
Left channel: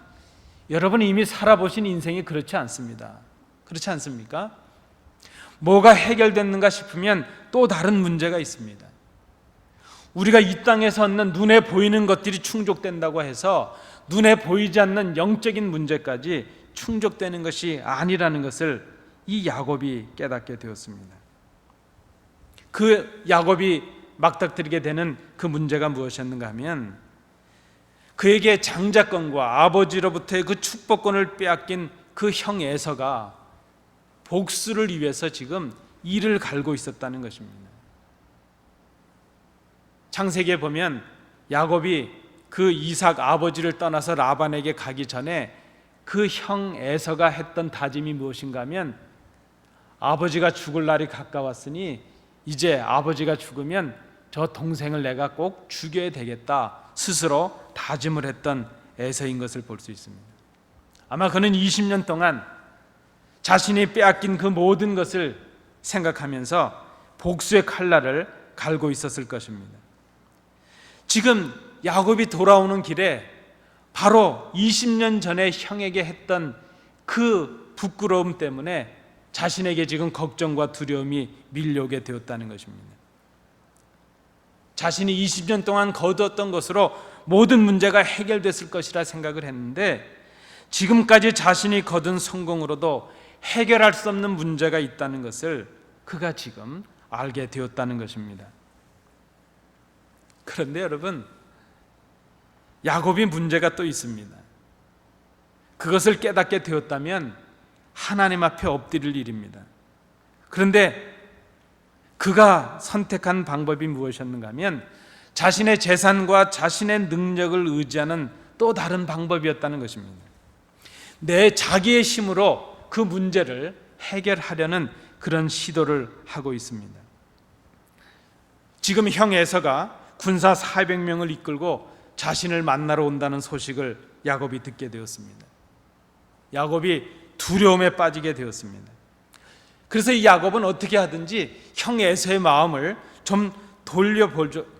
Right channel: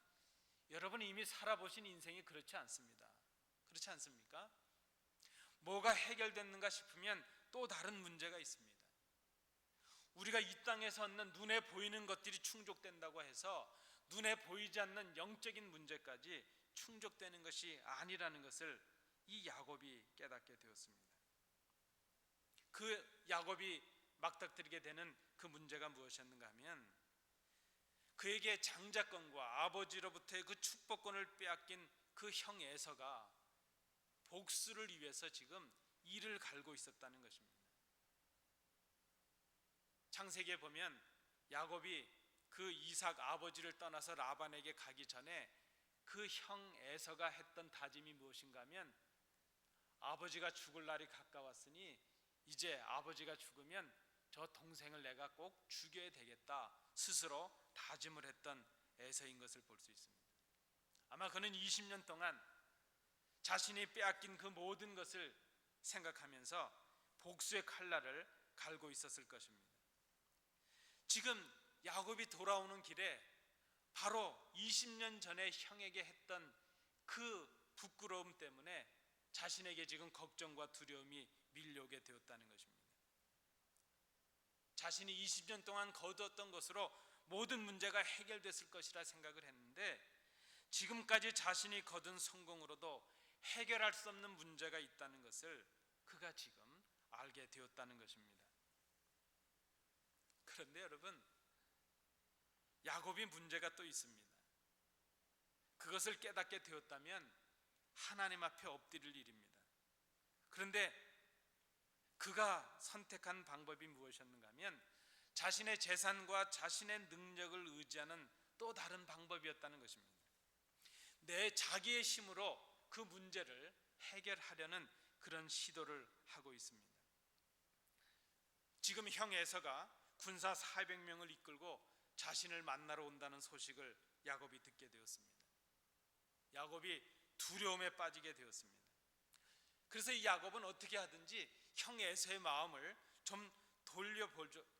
여러분이 이미 살아보신 인생이 그렇지 않습니다. 그렇지 않습니까? 뭐가 해결됐는가 싶으면 또 다른 문제가 있습니다. 우리가 이 땅에서 얻는 눈에 보이는 것들이 충족된다고 해서 눈에 보이지 않는 영적인 문제까지 충족되는 것이 아니라는 것을 이 야곱이 깨닫게 되었습니다. 그 야곱이 막닥뜨리게 되는 그 문제가 무엇이었는가 하면, 그에게 장자권과 아버지로부터의 그 축복권을 빼앗긴 그 형 에서가 복수를 위해서 지금 이를 갈고 있었다는 것입니다. 창세기에 보면 야곱이 그 이삭 아버지를 떠나서 라반에게 가기 전에 그 형 에서가 했던 다짐이 무엇인가 하면, 아버지가 죽을 날이 가까웠으니 이제 아버지가 죽으면 저 동생을 내가 꼭 죽여야 되겠다 스스로 다짐을 했던 에서인 것을 볼 수 있습니다. 아마 그는 20년 동안 자신이 빼앗긴 그 모든 것을 생각하면서 복수의 칼날을 갈고 있었을 것입니다. 지금 야곱이 돌아오는 길에 바로 20년 전에 형에게 했던 그 부끄러움 때문에 자신에게 지금 걱정과 두려움이 밀려오게 되었다는 것입니다. 자신이 20년 동안 거두었던 것으로 모든 문제가 해결됐을 것이라 생각을 했는데, 지금까지 자신이 거둔 성공으로도 해결할 수 없는 문제가 있다는 것을 그가 지금 알게 되었다는 것입니다. 그런데 여러분, 야곱이 문제가 또 있습니다. 그것을 깨닫게 되었다면 하나님 앞에 엎드릴 일입니다. 그런데 그가 선택한 방법이 무엇이었는가 하면, 자신의 재산과 자신의 능력을 의지하는 또 다른 방법이었다는 것입니다. 내 자기의 힘으로 그 문제를 해결하려는 그런 시도를 하고 있습니다. 지금 형 에서가 군사 400명을 이끌고 자신을 만나러 온다는 소식을 야곱이 듣게 되었습니다. 야곱이 두려움에 빠지게 되었습니다. 그래서 이 야곱은 어떻게 하든지 형 에서의 마음을 좀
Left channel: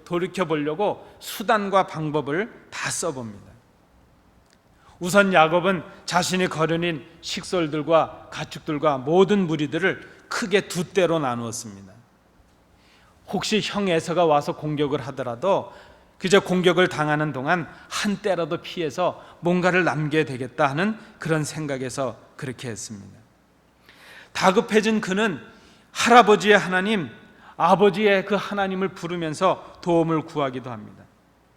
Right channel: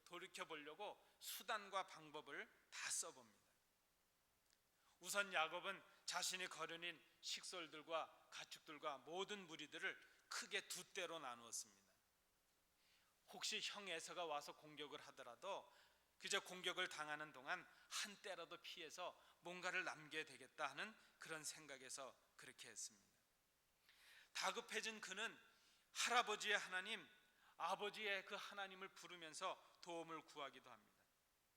돌이켜보려고 수단과 방법을 다 써봅니다. 우선 야곱은 자신이 거느린 식솔들과 가축들과 모든 무리들을 크게 두 떼로 나누었습니다. 혹시 형 에서가 와서 공격을 하더라도 그저 공격을 당하는 동안 한 떼라도 피해서 뭔가를 남겨야 되겠다 하는 그런 생각에서 그렇게 했습니다. 다급해진 그는 할아버지의 하나님, 아버지의 그 하나님을 부르면서 도움을 구하기도 합니다.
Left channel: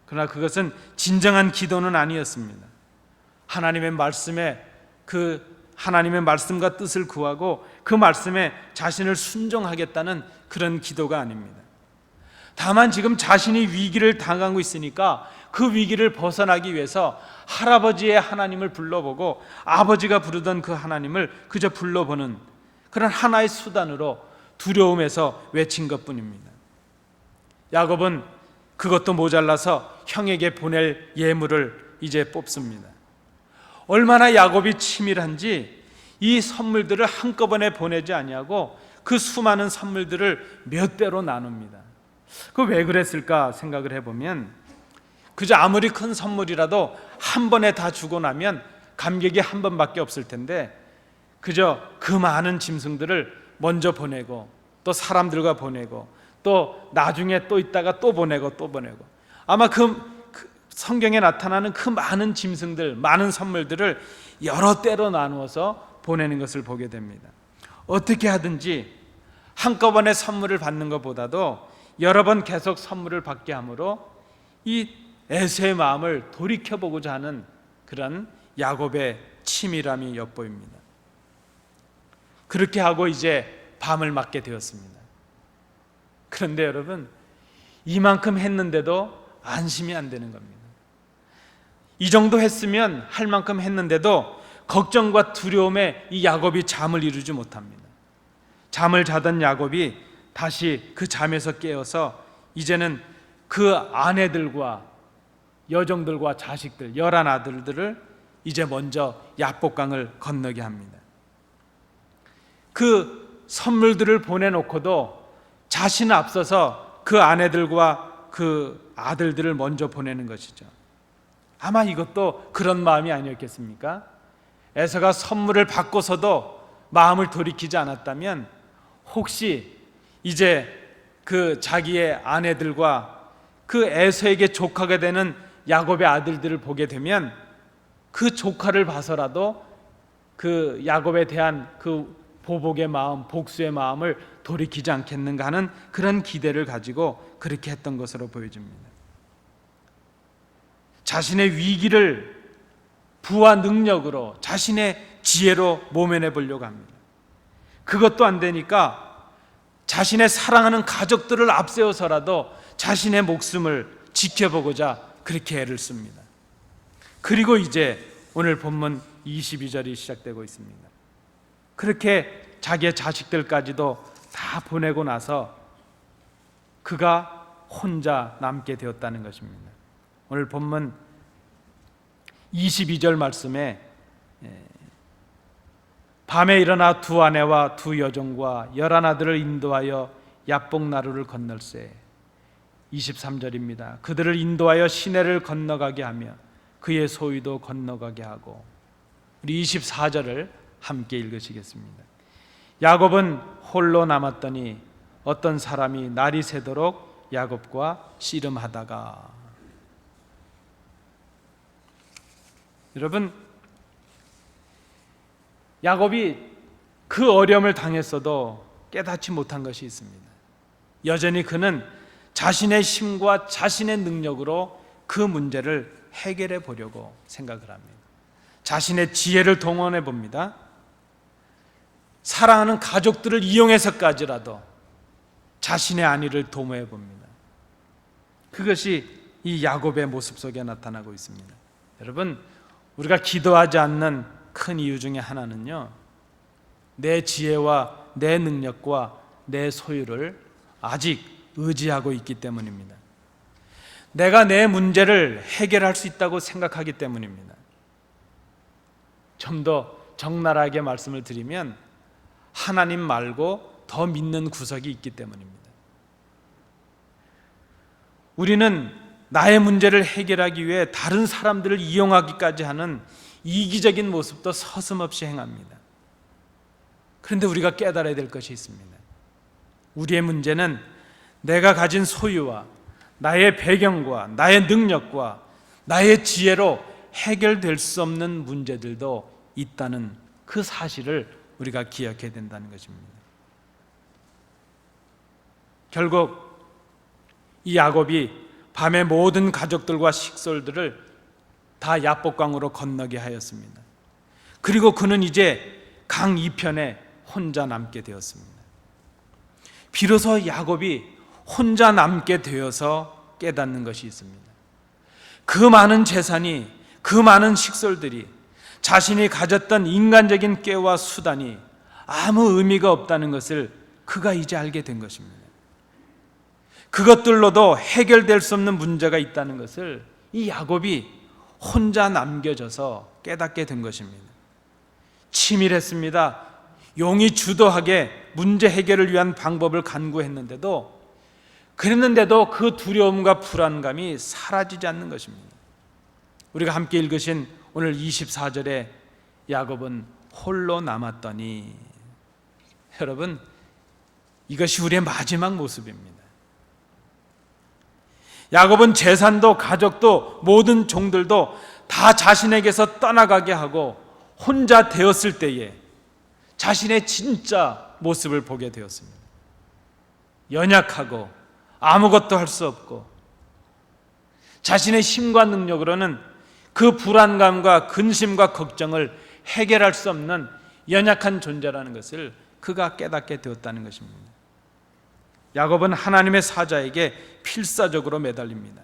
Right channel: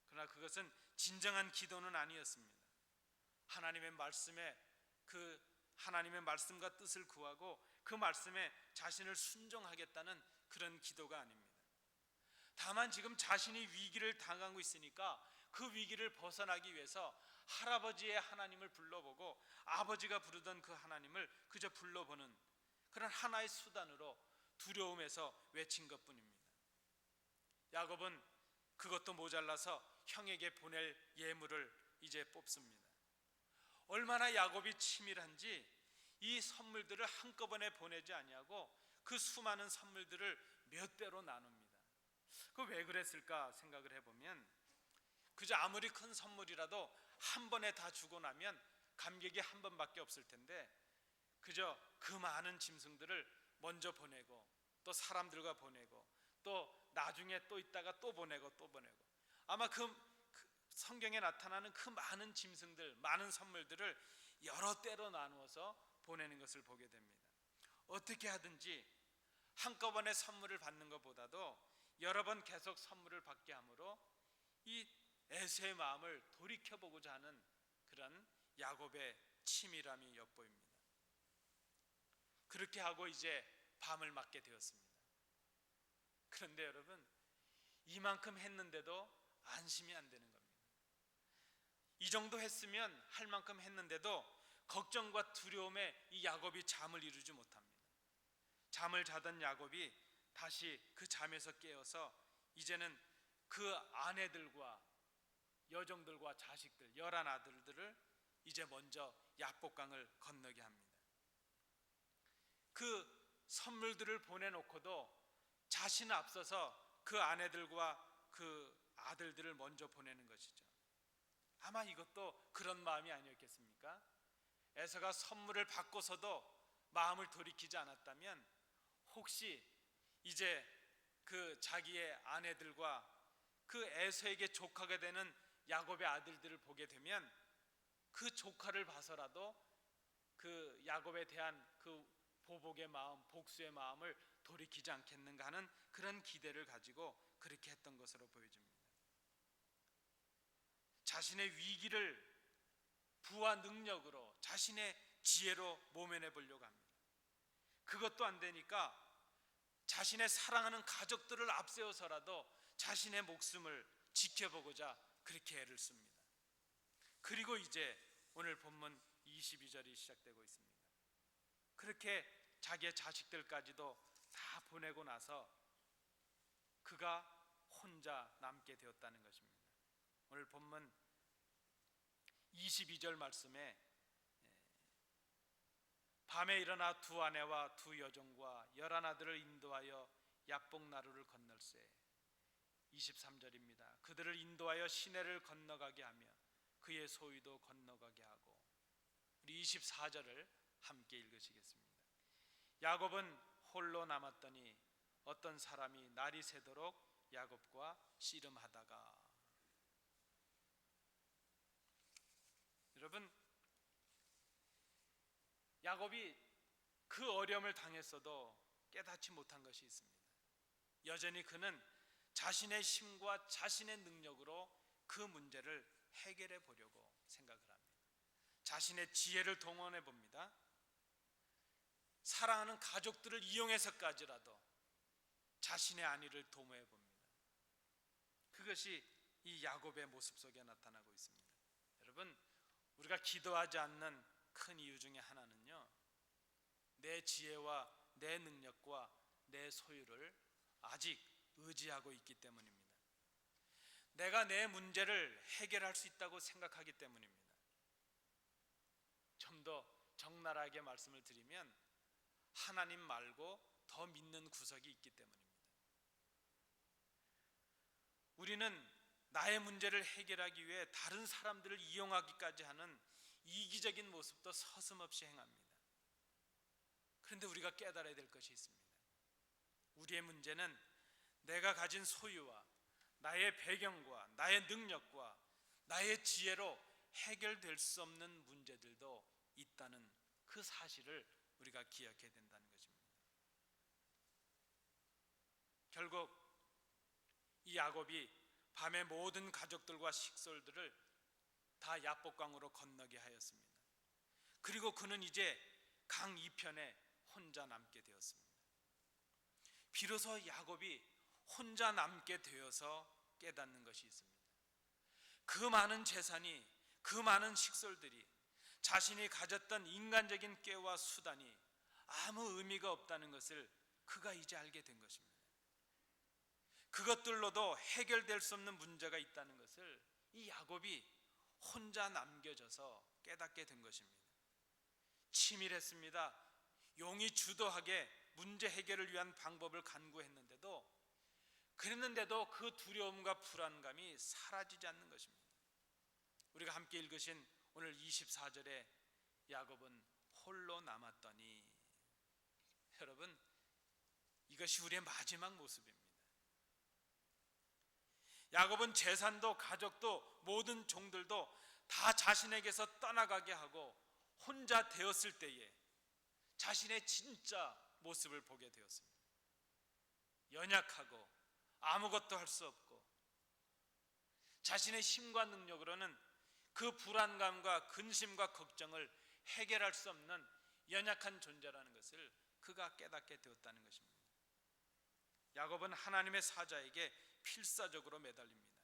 그러나 그것은 진정한 기도는 아니었습니다. 하나님의 말씀과 뜻을 구하고 그 말씀에 자신을 순종하겠다는 그런 기도가 아닙니다. 다만 지금 자신이 위기를 당하고 있으니까 그 위기를 벗어나기 위해서 할아버지의 하나님을 불러보고 아버지가 부르던 그 하나님을 그저 불러보는 그런 하나의 수단으로 두려움에서 외친 것뿐입니다. 야곱은 그것도 모자라서 형에게 보낼 예물을 이제 뽑습니다. 얼마나 야곱이 치밀한지 이 선물들을 한꺼번에 보내지 아니하고 그 수많은 선물들을 몇 배로 나눕니다. 그 왜 그랬을까 생각을 해보면 그저 아무리 큰 선물이라도 한 번에 다 주고 나면 감격이 한 번밖에 없을 텐데 그저 그 많은 짐승들을 먼저 보내고 또 사람들과 보내고 또 나중에 또 있다가 또 보내고 또 보내고 아마 그 성경에 나타나는 그 많은 짐승들, 많은 선물들을 여러 때로 나누어서 보내는 것을 보게 됩니다. 어떻게 하든지 한꺼번에 선물을 받는 것보다도 여러 번 계속 선물을 받게 함으로 이 에서의 마음을 돌이켜보고자 하는 그런 야곱의 치밀함이 엿보입니다. 그렇게 하고 이제 밤을 맞게 되었습니다. 그런데 여러분, 이만큼 했는데도 안심이 안 되는 겁니다. 이 정도 했으면 할 만큼 했는데도 걱정과 두려움에 이 야곱이 잠을 이루지 못합니다. 잠을 자던 야곱이 다시 그 잠에서 깨어서 이제는 그 아내들과 여종들과 자식들 11 아들들을 이제 먼저 야복강을 건너게 합니다. 그 선물들을 보내놓고도 자신은 앞서서 그 아내들과 그 아들들을 먼저 보내는 것이죠. 아마 이것도 그런 마음이 아니었겠습니까? 에서가 선물을 받고서도 마음을 돌이키지 않았다면 혹시 이제 그 자기의 아내들과 그 에서에게 조카가 되는 야곱의 아들들을 보게 되면 그 조카를 봐서라도 그 야곱에 대한 그 보복의 마음, 복수의 마음을 돌이키지 않겠는가 하는 그런 기대를 가지고 그렇게 했던 것으로 보여집니다. 자신의 위기를 부와 능력으로 자신의 지혜로 모면해 보려고 합니다. 그것도 안 되니까 자신의 사랑하는 가족들을 앞세워서라도 자신의 목숨을 지켜보고자 그렇게 애를 씁니다. 그리고 이제 오늘 본문 22절이 시작되고 있습니다. 그렇게 자기의 자식들까지도 다 보내고 나서 그가 혼자 남게 되었다는 것입니다. 오늘 본문 22절 말씀에 밤에 일어나 두 아내와 두 여종과 11 아들을 인도하여 야복나루를 건널세. 23절입니다. 그들을 인도하여 시내를 건너가게 하며 그의 소유도 건너가게 하고. 우리 24절을 함께 읽으시겠습니다. 야곱은 홀로 남았더니 어떤 사람이 날이 새도록 야곱과 씨름하다가. 여러분, 야곱이 그 어려움을 당했어도 깨닫지 못한 것이 있습니다. 여전히 그는 자신의 힘과 자신의 능력으로 그 문제를 해결해 보려고 생각을 합니다. 자신의 지혜를 동원해 봅니다. 사랑하는 가족들을 이용해서까지라도 자신의 안위를 도모해 봅니다. 그것이 이 야곱의 모습 속에 나타나고 있습니다. 여러분, 우리가 기도하지 않는 큰 이유 중에 하나는요, 내 지혜와 내 능력과 내 소유를 아직 의지하고 있기 때문입니다. 내가 내 문제를 해결할 수 있다고 생각하기 때문입니다. 좀 더 적나라하게 말씀을 드리면 하나님 말고 더 믿는 구석이 있기 때문입니다. 우리는 나의 문제를 해결하기 위해 다른 사람들을 이용하기까지 하는 이기적인 모습도 서슴없이 행합니다. 그런데 우리가 깨달아야 될 것이 있습니다. 우리의 문제는 내가 가진 소유와 나의 배경과 나의 능력과 나의 지혜로 해결될 수 없는 문제들도 있다는 그 사실을 우리가 기억해야 된다는 것입니다. 결국 이 야곱이 밤에 모든 가족들과 식솔들을 다 야복강으로 건너게 하였습니다. 그리고 그는 이제 강 이편에 혼자 남게 되었습니다. 비로소 야곱이 혼자 남게 되어서 깨닫는 것이 있습니다. 그 많은 재산이, 그 많은 식솔들이, 자신이 가졌던 인간적인 꾀와 수단이 아무 의미가 없다는 것을 그가 이제 알게 된 것입니다. 그것들로도 해결될 수 없는 문제가 있다는 것을 이 야곱이 혼자 남겨져서 깨닫게 된 것입니다. 치밀했습니다. 용이 주도하게 문제 해결을 위한 방법을 간구했는데도, 그랬는데도 그 두려움과 불안감이 사라지지 않는 것입니다. 우리가 함께 읽으신 오늘 24절에 야곱은 홀로 남았더니, 여러분, 이것이 우리의 마지막 모습입니다. 야곱은 재산도 가족도 모든 종들도 다 자신에게서 떠나가게 하고 혼자 되었을 때에 자신의 진짜 모습을 보게 되었습니다. 연약하고 아무것도 할 수 없고 자신의 힘과 능력으로는 그 불안감과 근심과 걱정을 해결할 수 없는 연약한 존재라는 것을 그가 깨닫게 되었다는 것입니다. 야곱은 하나님의 사자에게 필사적으로 매달립니다.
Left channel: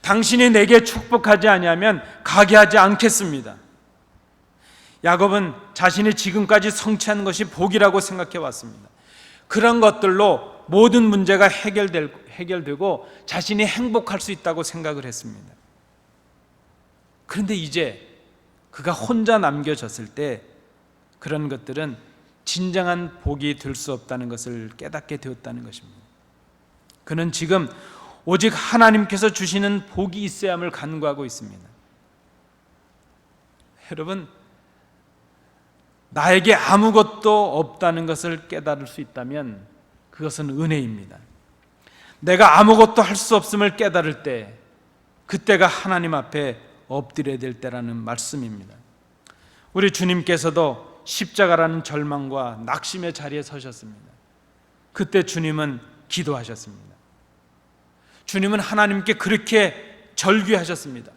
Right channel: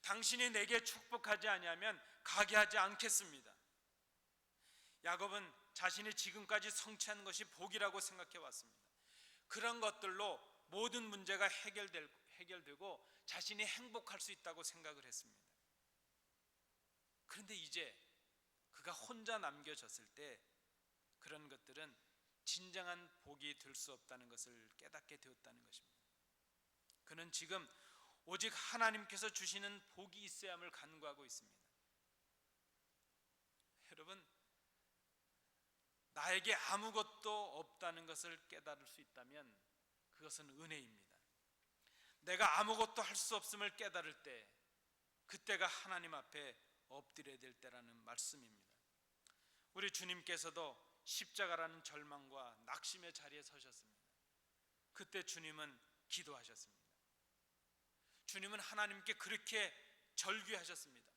당신이 내게 축복하지 아니하면 가게 하지 않겠습니다. 야곱은 자신이 지금까지 성취한 것이 복이라고 생각해 왔습니다. 그런 것들로 모든 문제가 해결되고 자신이 행복할 수 있다고 생각을 했습니다. 그런데 이제 그가 혼자 남겨졌을 때 그런 것들은 진정한 복이 될 수 없다는 것을 깨닫게 되었다는 것입니다. 그는 지금 오직 하나님께서 주시는 복이 있어야함을 간구하고 있습니다. 여러분, 나에게 아무것도 없다는 것을 깨달을 수 있다면 그것은 은혜입니다. 내가 아무것도 할 수 없음을 깨달을 때, 그때가 하나님 앞에 엎드려야 될 때라는 말씀입니다. 우리 주님께서도 십자가라는 절망과 낙심의 자리에 서셨습니다. 그때 주님은 기도하셨습니다. 주님은 하나님께 그렇게 절규하셨습니다.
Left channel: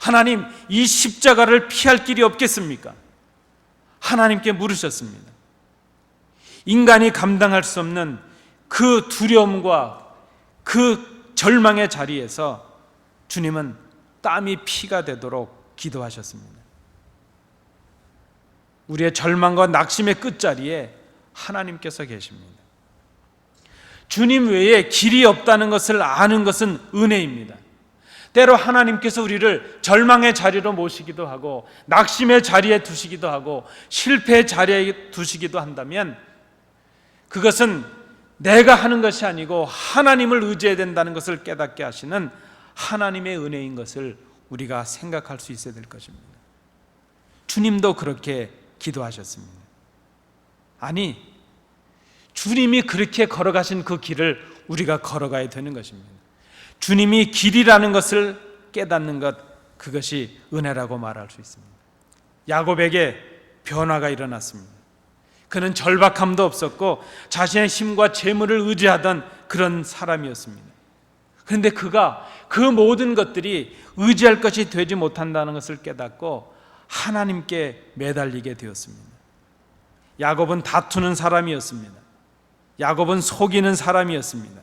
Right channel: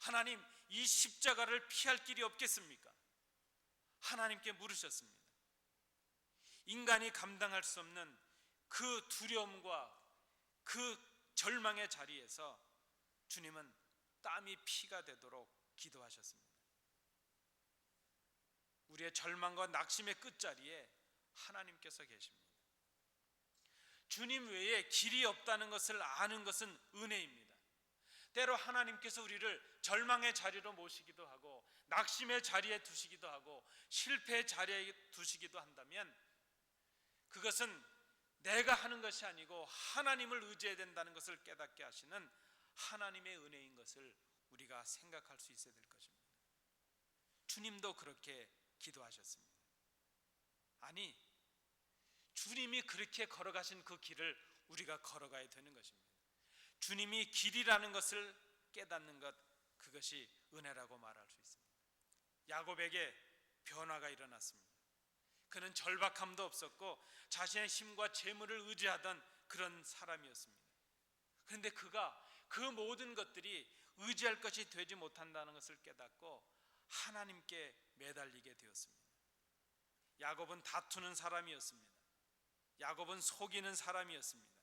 하나님, 이 십자가를 피할 길이 없겠습니까? 하나님께 물으셨습니다. 인간이 감당할 수 없는 그 두려움과 그 절망의 자리에서 주님은 땀이 피가 되도록 기도하셨습니다. 우리의 절망과 낙심의 끝자리에 하나님께서 계십니다. 주님 외에 길이 없다는 것을 아는 것은 은혜입니다. 때로 하나님께서 우리를 절망의 자리로 모시기도 하고 낙심의 자리에 두시기도 하고 실패의 자리에 두시기도 한다면 그것은 내가 하는 것이 아니고 하나님을 의지해야 된다는 것을 깨닫게 하시는 하나님의 은혜인 것을 우리가 생각할 수 있어야 될 것입니다. 주님도 그렇게 기도하셨습니다. 아니, 주님이 그렇게 걸어가신 그 길을 우리가 걸어가야 되는 것입니다. 주님이 길이라는 것을 깨닫는 것, 그것이 은혜라고 말할 수 있습니다. 야곱에게 변화가 일어났습니다. 그는 절박함도 없었고 자신의 힘과 재물을 의지하던 그런 사람이었습니다. 그런데 그가 그 모든 것들이 의지할 것이 되지 못한다는 것을 깨닫고 하나님께 매달리게 되었습니다. 야곱은 다투는 사람이었습니다. 야곱은 속이는 사람이었습니다.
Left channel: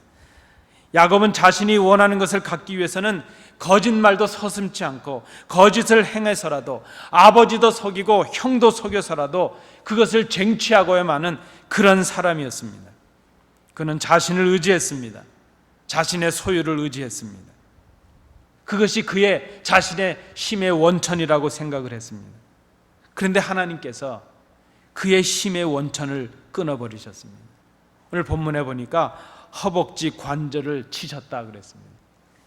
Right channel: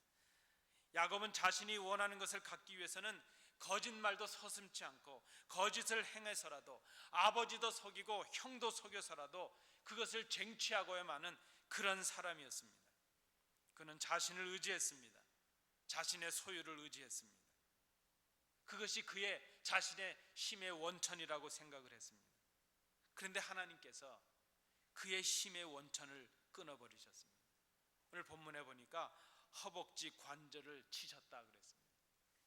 야곱은 자신이 원하는 것을 갖기 위해서는 거짓말도 서슴지 않고 거짓을 행해서라도 아버지도 속이고 형도 속여서라도 그것을 쟁취하고야만 그런 사람이었습니다. 그는 자신을 의지했습니다. 자신의 소유를 의지했습니다. 그것이 그의 자신의 힘의 원천이라고 생각을 했습니다. 그런데 하나님께서 그의 힘의 원천을 끊어버리셨습니다. 오늘 본문에 보니까 허벅지 관절을 치셨다 그랬습니다.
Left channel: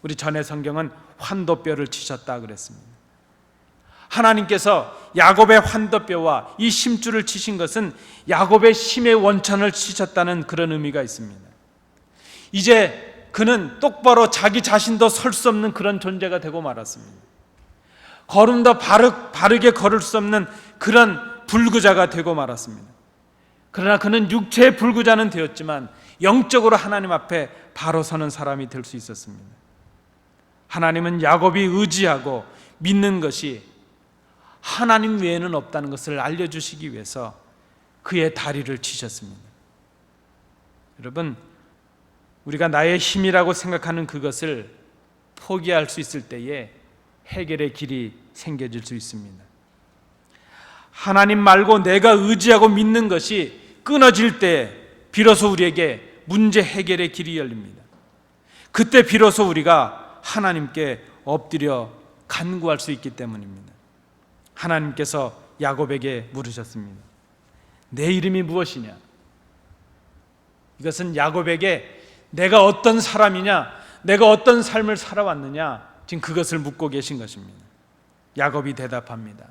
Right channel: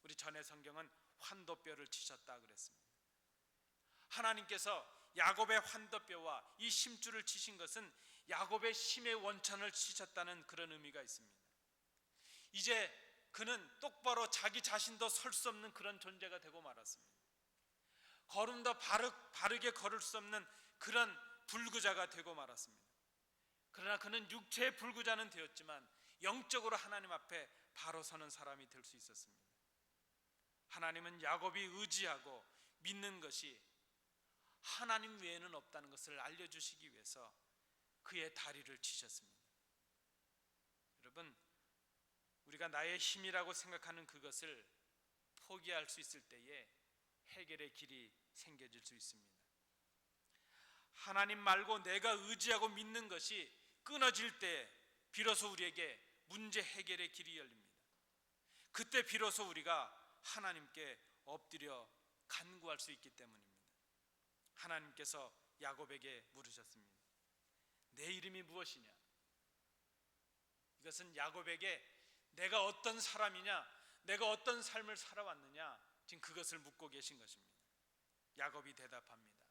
우리 전의 성경은 환도뼈를 치셨다 그랬습니다. 하나님께서 야곱의 환도뼈와 이 심줄을 치신 것은 야곱의 힘의 원천을 치셨다는 그런 의미가 있습니다. 이제 그는 똑바로 자기 자신도 설 수 없는 그런 존재가 되고 말았습니다. 걸음도 바르게 걸을 수 없는 그런 불구자가 되고 말았습니다. 그러나 그는 육체의 불구자는 되었지만 영적으로 하나님 앞에 바로 서는 사람이 될 수 있었습니다. 하나님은 야곱이 의지하고 믿는 것이 하나님 외에는 없다는 것을 알려주시기 위해서 그의 다리를 치셨습니다. 여러분, 우리가 나의 힘이라고 생각하는 그것을 포기할 수 있을 때에 해결의 길이 생겨질 수 있습니다. 하나님 말고 내가 의지하고 믿는 것이 끊어질 때 비로소 우리에게 문제 해결의 길이 열립니다. 그때 비로소 우리가 하나님께 엎드려 간구할 수 있기 때문입니다. 하나님께서 야곱에게 물으셨습니다. 내 이름이 무엇이냐? 이것은 야곱에게 내가 어떤 사람이냐, 내가 어떤 삶을 살아왔느냐, 지금 그것을 묻고 계신 것입니다. 야곱이 대답합니다.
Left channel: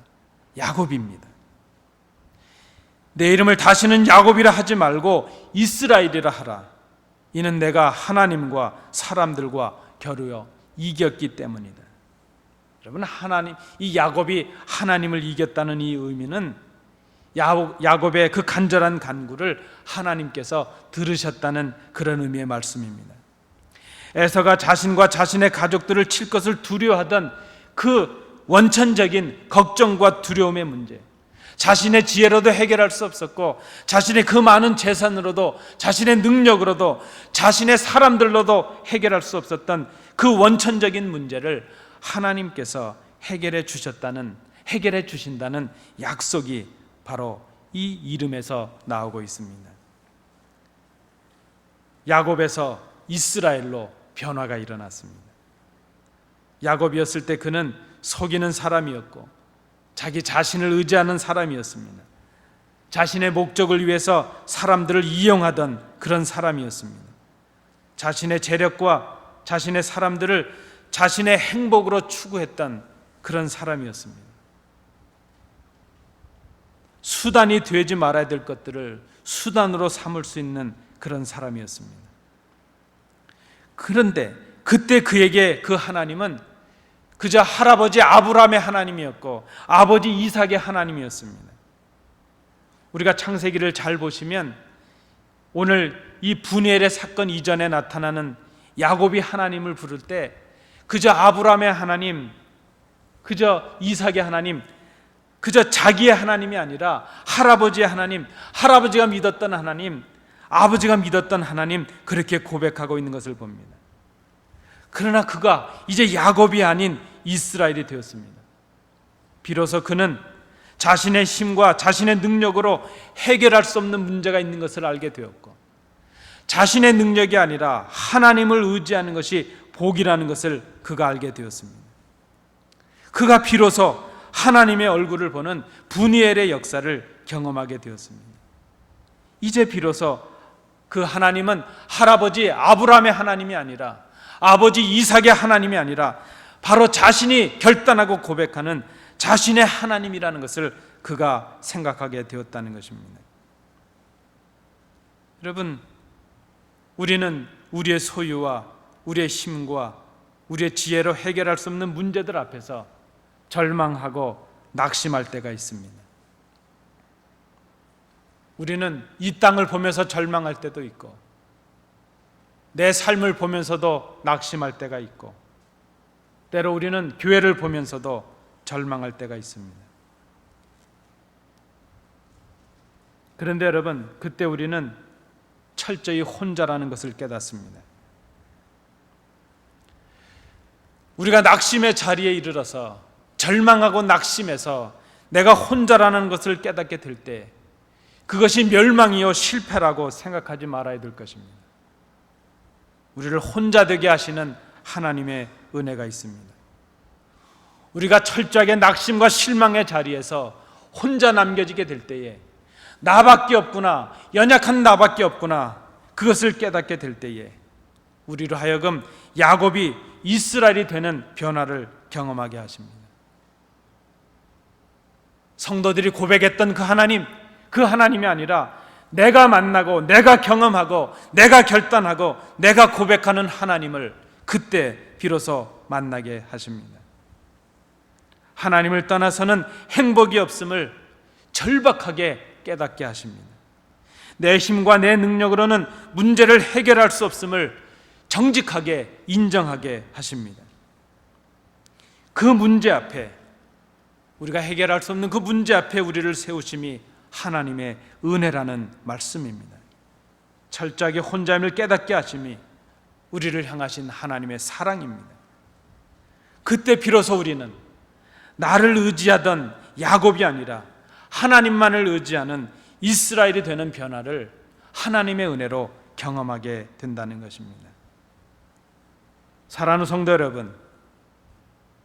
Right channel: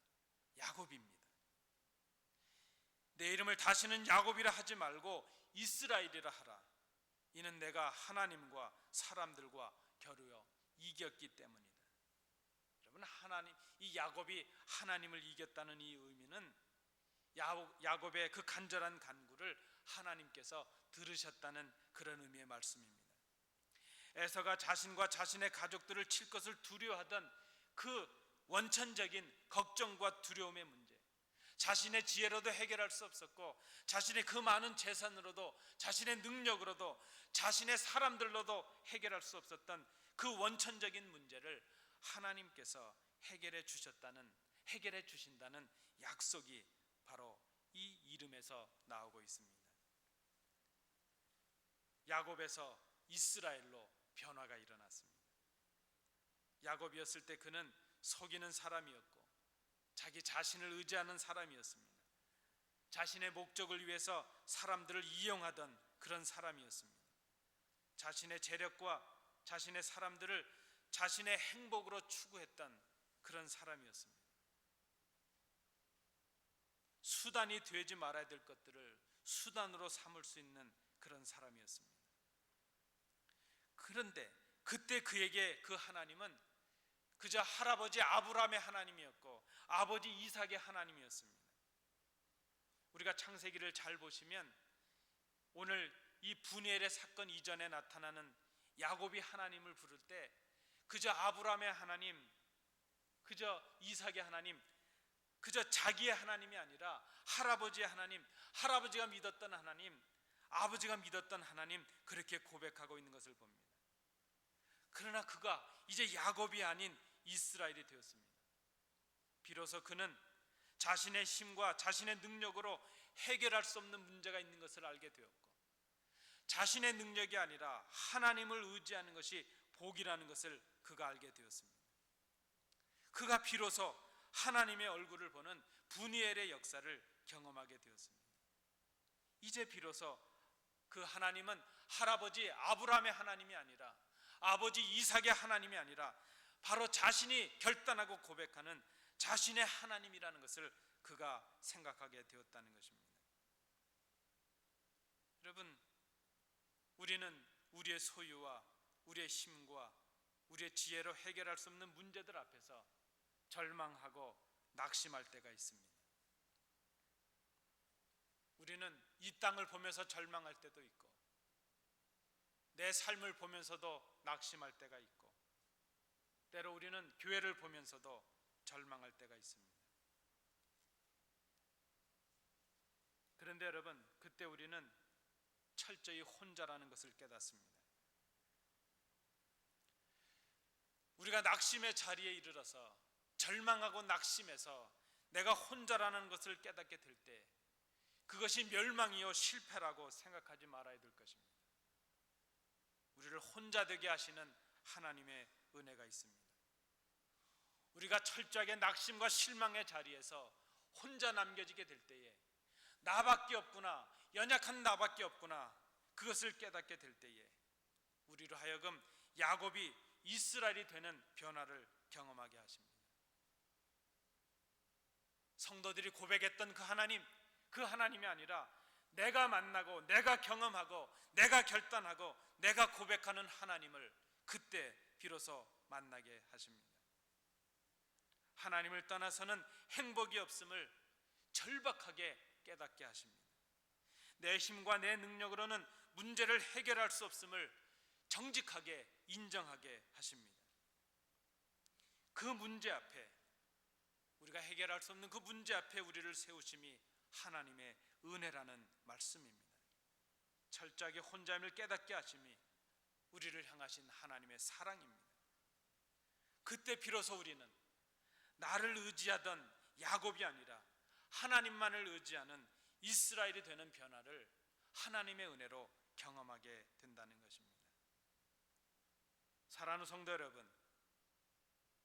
야곱입니다. 내 이름을 다시는 야곱이라 하지 말고 이스라엘이라 하라. 이는 내가 하나님과 사람들과 겨루어 이겼기 때문이다. 여러분, 이 야곱이 하나님을 이겼다는 이 의미는 야곱의 그 간절한 간구를 하나님께서 들으셨다는 그런 의미의 말씀입니다. 에서가 자신과 자신의 가족들을 칠 것을 두려워하던 그 원천적인 걱정과 두려움의 문제, 자신의 지혜로도 해결할 수 없었고 자신의 그 많은 재산으로도, 자신의 능력으로도, 자신의 사람들로도 해결할 수 없었던 그 원천적인 문제를 하나님께서 해결해 주신다는 약속이 바로 이 이름에서 나오고 있습니다. 야곱에서 이스라엘로 변화가 일어났습니다. 야곱이었을 때 그는 속이는 사람이었고 자기 자신을 의지하는 사람이었습니다. 자신의 목적을 위해서 사람들을 이용하던 그런 사람이었습니다. 자신의 재력과 자신의 사람들을 자신의 행복으로 추구했던 그런 사람이었습니다. 수단이 되지 말아야 될 것들을 수단으로 삼을 수 있는 그런 사람이었습니다. 그런데 그때 그에게 그 하나님은 그저 할아버지 아브라함의 하나님이었고 아버지 이삭의 하나님이었습니다. 우리가 창세기를 잘 보시면 오늘 이 분이엘의 사건 이전에 나타나는 야곱이 하나님을 부를 때 그저 아브라함의 하나님, 그저 이삭의 하나님, 그저 자기의 하나님이 아니라 할아버지의 하나님, 할아버지가 믿었던 하나님, 아버지가 믿었던 하나님, 그렇게 고백하고 있는 것을 봅니다. 그러나 그가 이제 야곱이 아닌 이스라엘이 되었습니다. 비로소 그는 자신의 힘과 자신의 능력으로 해결할 수 없는 문제가 있는 것을 알게 되었고, 자신의 능력이 아니라 하나님을 의지하는 것이 복이라는 것을 그가 알게 되었습니다. 그가 비로소 하나님의 얼굴을 보는 분이엘의 역사를 경험하게 되었습니다. 이제 비로소 그 하나님은 할아버지 아브라함의 하나님이 아니라, 아버지 이삭의 하나님이 아니라 바로 자신이 결단하고 고백하는 자신의 하나님이라는 것을 그가 생각하게 되었다는 것입니다. 여러분, 우리는 우리의 소유와 우리의 힘과 우리의 지혜로 해결할 수 없는 문제들 앞에서 절망하고 낙심할 때가 있습니다. 우리는 이 땅을 보면서 절망할 때도 있고, 내 삶을 보면서도 낙심할 때가 있고, 때로 우리는 교회를 보면서도 절망할 때가 있습니다. 그런데 여러분, 그때 우리는 철저히 혼자라는 것을 깨닫습니다. 우리가 낙심의 자리에 이르러서 절망하고 낙심해서 내가 혼자라는 것을 깨닫게 될 때 그것이 멸망이요 실패라고 생각하지 말아야 될 것입니다. 우리를 혼자 되게 하시는 하나님의 은혜가 있습니다. 우리가 철저하게 낙심과 실망의 자리에서 혼자 남겨지게 될 때에 나밖에 없구나, 연약한 나밖에 없구나, 그것을 깨닫게 될 때에 우리로 하여금 야곱이 이스라엘이 되는 변화를 경험하게 하십니다. 성도들이 고백했던 그 하나님이 아니라 내가 만나고 내가 경험하고 내가 결단하고 내가 고백하는 하나님을 그때 비로소 만나게 하십니다. 하나님을 떠나서는 행복이 없음을 절박하게 깨닫게 하십니다. 내 힘과 내 능력으로는 문제를 해결할 수 없음을 정직하게 인정하게 하십니다. 그 문제 앞에, 우리가 해결할 수 없는 그 문제 앞에 우리를 세우심이 하나님의 은혜라는 말씀입니다. 철저하게 혼자임을 깨닫게 하심이 우리를 향하신 하나님의 사랑입니다. 그때 비로소 우리는 나를 의지하던 야곱이 아니라 하나님만을 의지하는 이스라엘이 되는 변화를 하나님의 은혜로 경험하게 된다는 것입니다. 사랑하는 성도 여러분,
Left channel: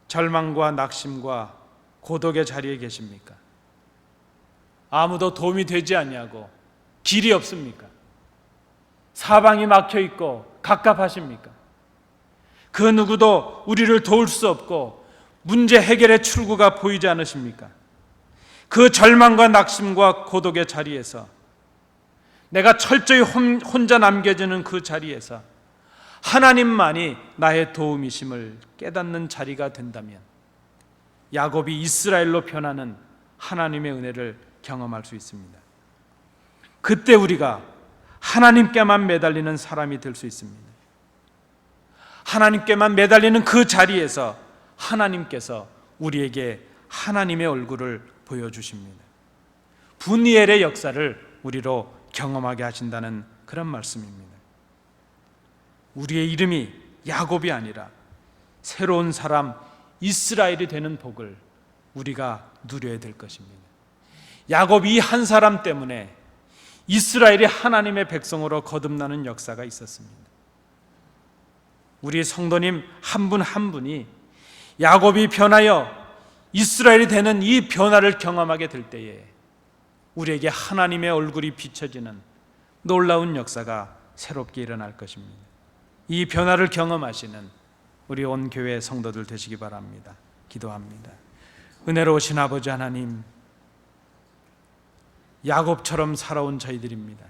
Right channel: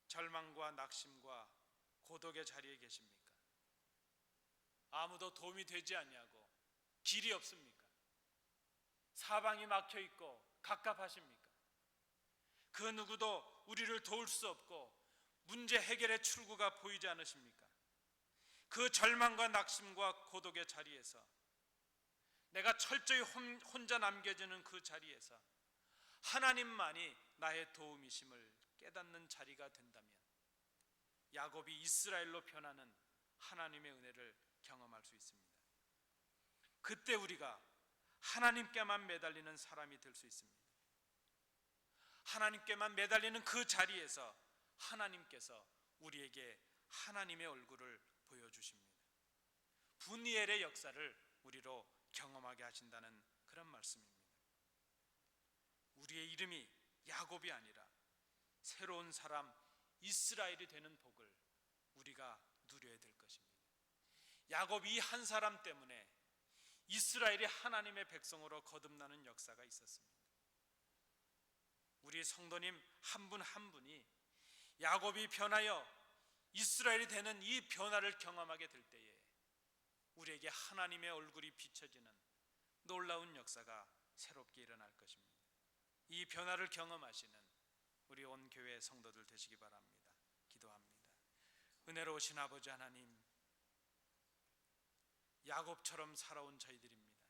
절망과 낙심과 고독의 자리에 계십니까? 아무도 도움이 되지 아니하고 길이 없습니까? 사방이 막혀 있고 갑갑하십니까? 그 누구도 우리를 도울 수 없고 문제 해결의 출구가 보이지 않으십니까? 그 절망과 낙심과 고독의 자리에서, 내가 철저히 혼자 남겨지는 그 자리에서 하나님만이 나의 도움이심을 깨닫는 자리가 된다면 야곱이 이스라엘로 변하는 하나님의 은혜를 경험할 수 있습니다. 그때 우리가 하나님께만 매달리는 사람이 될 수 있습니다. 하나님께만 매달리는 그 자리에서 하나님께서 우리에게 하나님의 얼굴을 보여주십니다. 분이엘의 역사를 우리로 경험하게 하신다는 그런 말씀입니다. 우리의 이름이 야곱이 아니라 새로운 사람 이스라엘이 되는 복을 우리가 누려야 될 것입니다. 야곱이 한 사람 때문에 이스라엘이 하나님의 백성으로 거듭나는 역사가 있었습니다. 우리 성도님 한 분 한 분이 야곱이 변하여 이스라엘이 되는 이 변화를 경험하게 될 때에 우리에게 하나님의 얼굴이 비춰지는 놀라운 역사가 새롭게 일어날 것입니다. 이 변화를 경험하시는 우리 온 교회 성도들 되시기 바랍니다. 기도합니다. 은혜로우신 아버지 하나님, 야곱처럼 살아온 저희들입니다.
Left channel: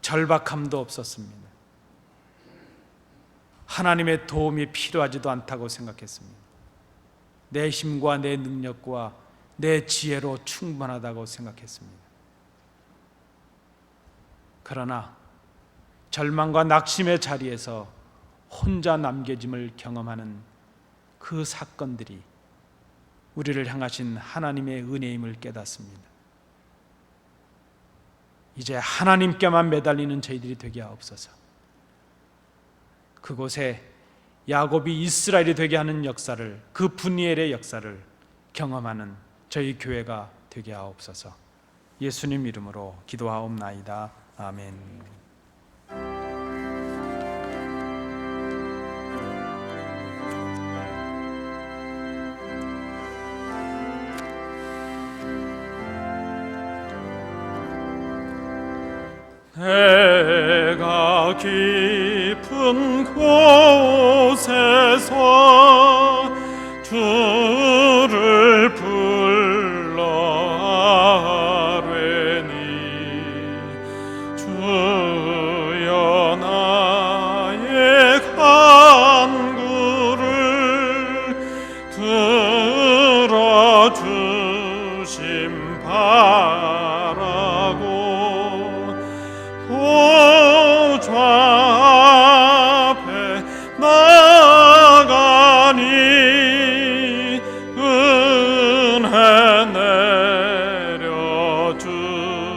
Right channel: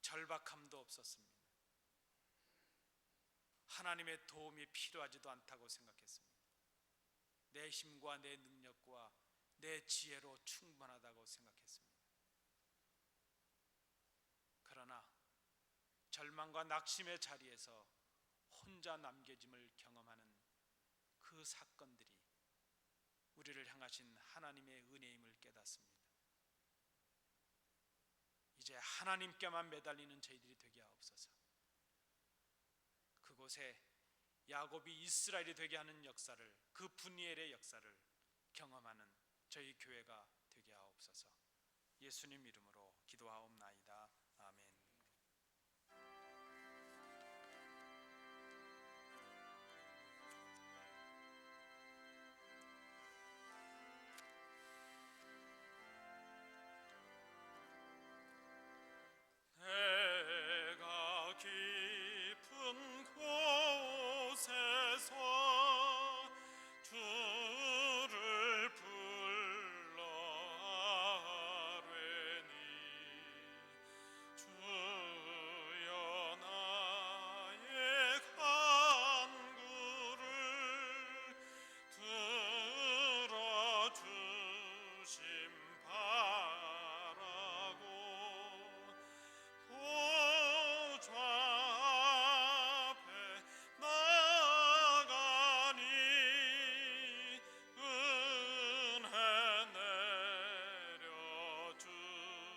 절박함도 없었습니다. 하나님의 도움이 필요하지도 않다고 생각했습니다. 내 힘과 내 능력과 내 지혜로 충분하다고 생각했습니다. 그러나 절망과 낙심의 자리에서 혼자 남겨짐을 경험하는 그 사건들이 우리를 향하신 하나님의 은혜임을 깨닫습니다. 이제 하나님께만 매달리는 저희들이 되게 하옵소서. 그곳에 야곱이 이스라엘이 되게 하는 역사를, 그 분이엘의 역사를 경험하는 저희 교회가 되게 하옵소서. 예수님 이름으로 기도하옵나이다. 아멘. 내가 깊은 곳에서 주를 불러 아뢰니 주여 나의 간구를 들어주심 바라고 보좌 앞에 나가니 은혜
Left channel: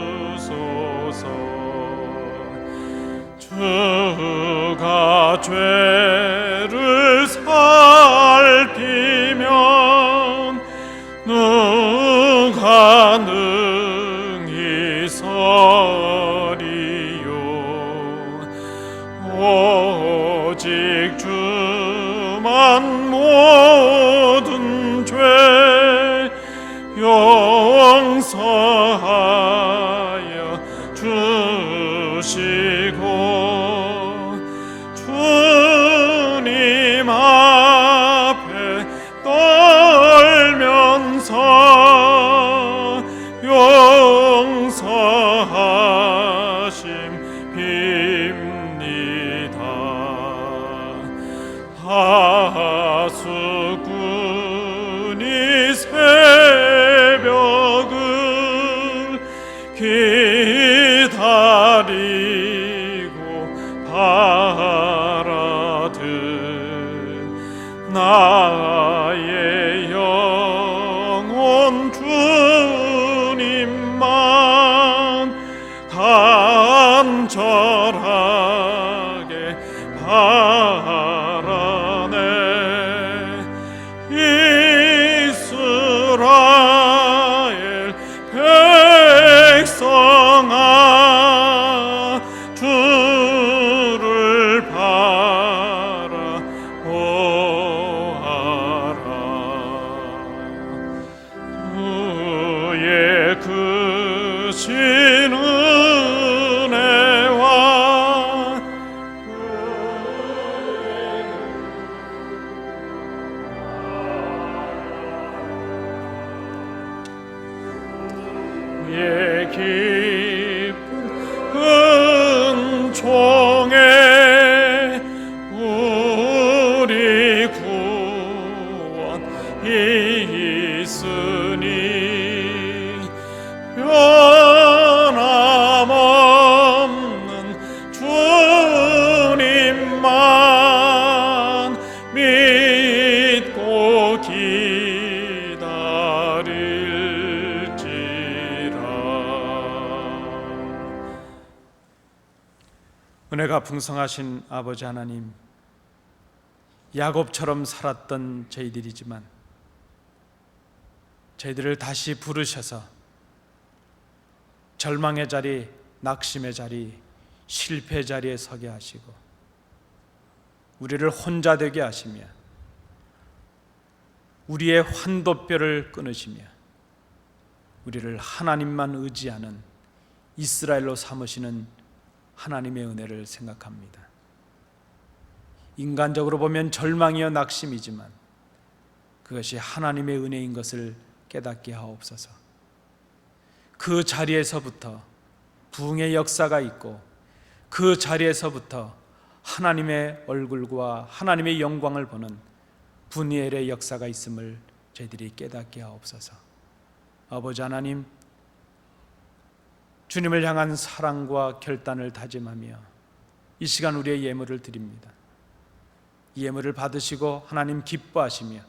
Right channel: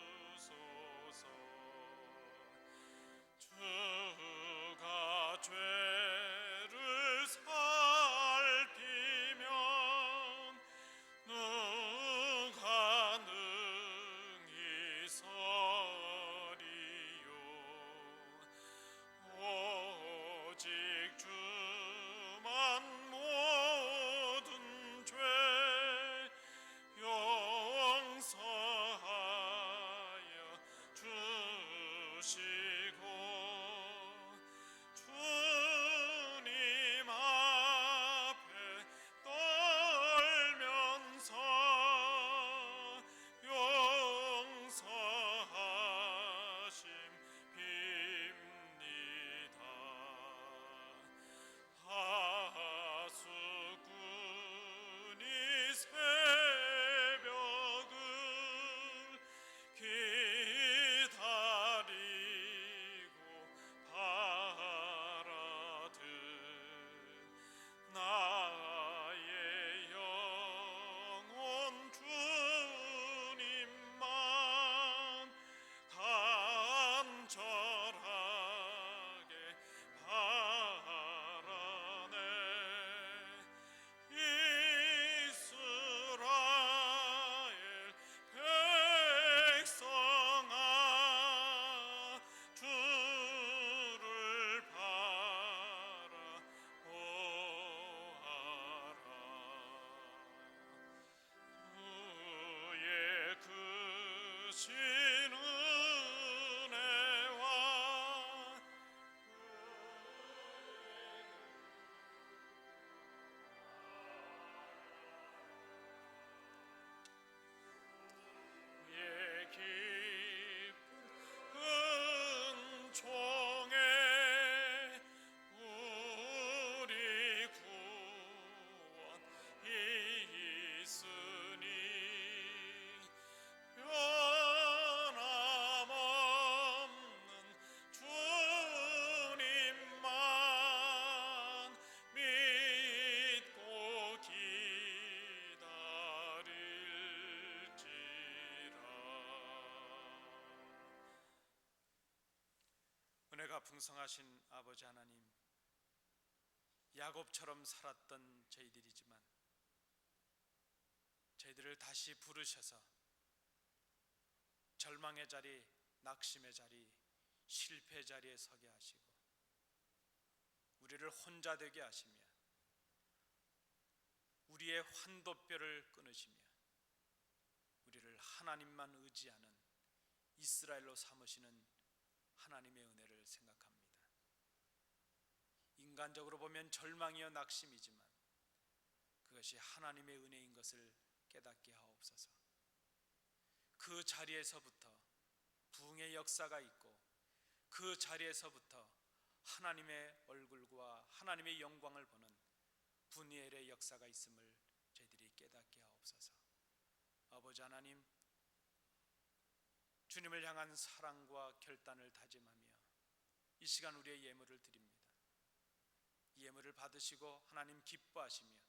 내려주소서. 주가 죄를 살피면 누가 능히 서리요. 오직 주만 모든 죄 용서하여 주시고 주님 앞에 떨면서 용서하심 빕니다. 하수꾼이 새벽을 기다리고 바라듯 나의 영혼 주님만 간절하게 바라네. 이스라엘 백성아, 주를 바라보아라. 주의 크신 은혜와 예 깊은 은총에 우리 구원이 있으니 변함없는 주님만 믿고 기다릴지라. 은혜가 풍성하신 아버지 하나님, 야곱처럼 살았던 저희들이지만 저희들을 다시 부르셔서 절망의 자리, 낙심의 자리, 실패의 자리에 서게 하시고 우리를 혼자 되게 하시며 우리의 환도뼈를 끊으시며 우리를 하나님만 의지하는 이스라엘로 삼으시는 하나님의 은혜를 생각합니다. 인간적으로 보면 절망이요 낙심이지만 그것이 하나님의 은혜인 것을 깨닫게 하옵소서. 그 자리에서부터 부흥의 역사가 있고 그 자리에서부터 하나님의 얼굴과 하나님의 영광을 보는 분이엘의 역사가 있음을 저희들이 깨닫게 하옵소서. 아버지 하나님, 주님을 향한 사랑과 결단을 다짐하며 이 시간 우리의 예물을 드립니다. 이 예물을 받으시고 하나님 기뻐하시며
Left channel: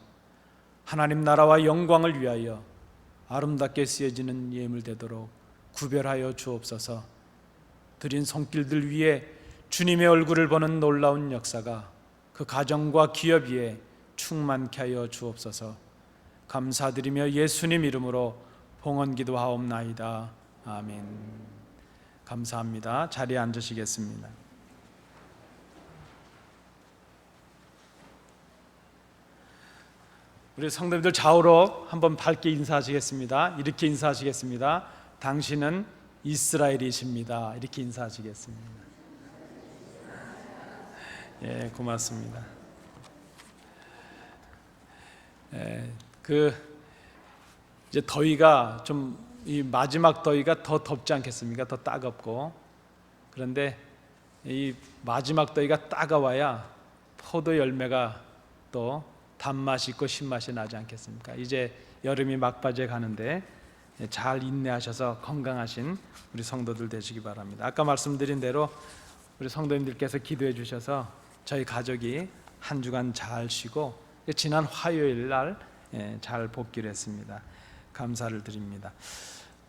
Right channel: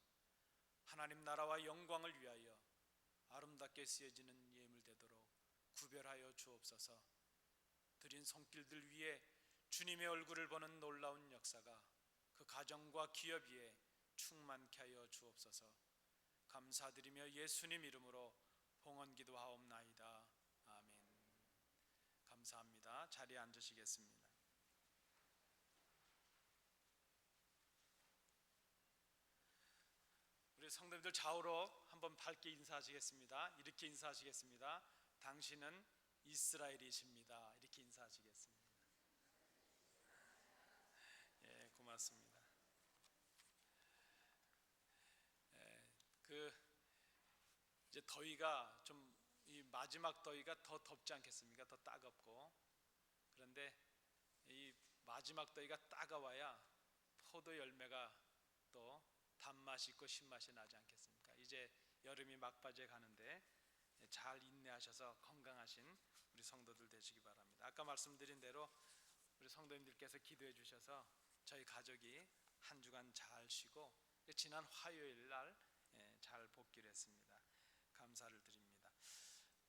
하나님 나라와 영광을 위하여 아름답게 쓰여지는 예물 되도록 구별하여 주옵소서. 드린 손길들 위에 주님의 얼굴을 보는 놀라운 역사가 그 가정과 기업 위에 충만케 하여 주옵소서. 감사드리며 예수님 이름으로 봉헌 기도하옵나이다. 아멘. 감사합니다. 자리에 앉으시겠습니다. 우리 성도님들 좌우로 한번 밝게 인사하시겠습니다. 이렇게 인사하시겠습니다. 당신은 이스라엘이십니다. 이렇게 인사하시겠습니다. 예, 고맙습니다. 이제 더위가 좀 이 마지막 더위가 더 덥지 않겠습니까? 더 따갑고. 그런데 이 마지막 더위가 따가워야 포도 열매가 또 단맛이 있고 신맛이 나지 않겠습니까? 이제 여름이 막바지에 가는데 잘 인내하셔서 건강하신 우리 성도들 되시기 바랍니다. 아까 말씀드린 대로 우리 성도님들께서 기도해 주셔서 저희 가족이 한 주간 잘 쉬고 지난 화요일 날 잘 복귀를 했습니다. 감사를 드립니다.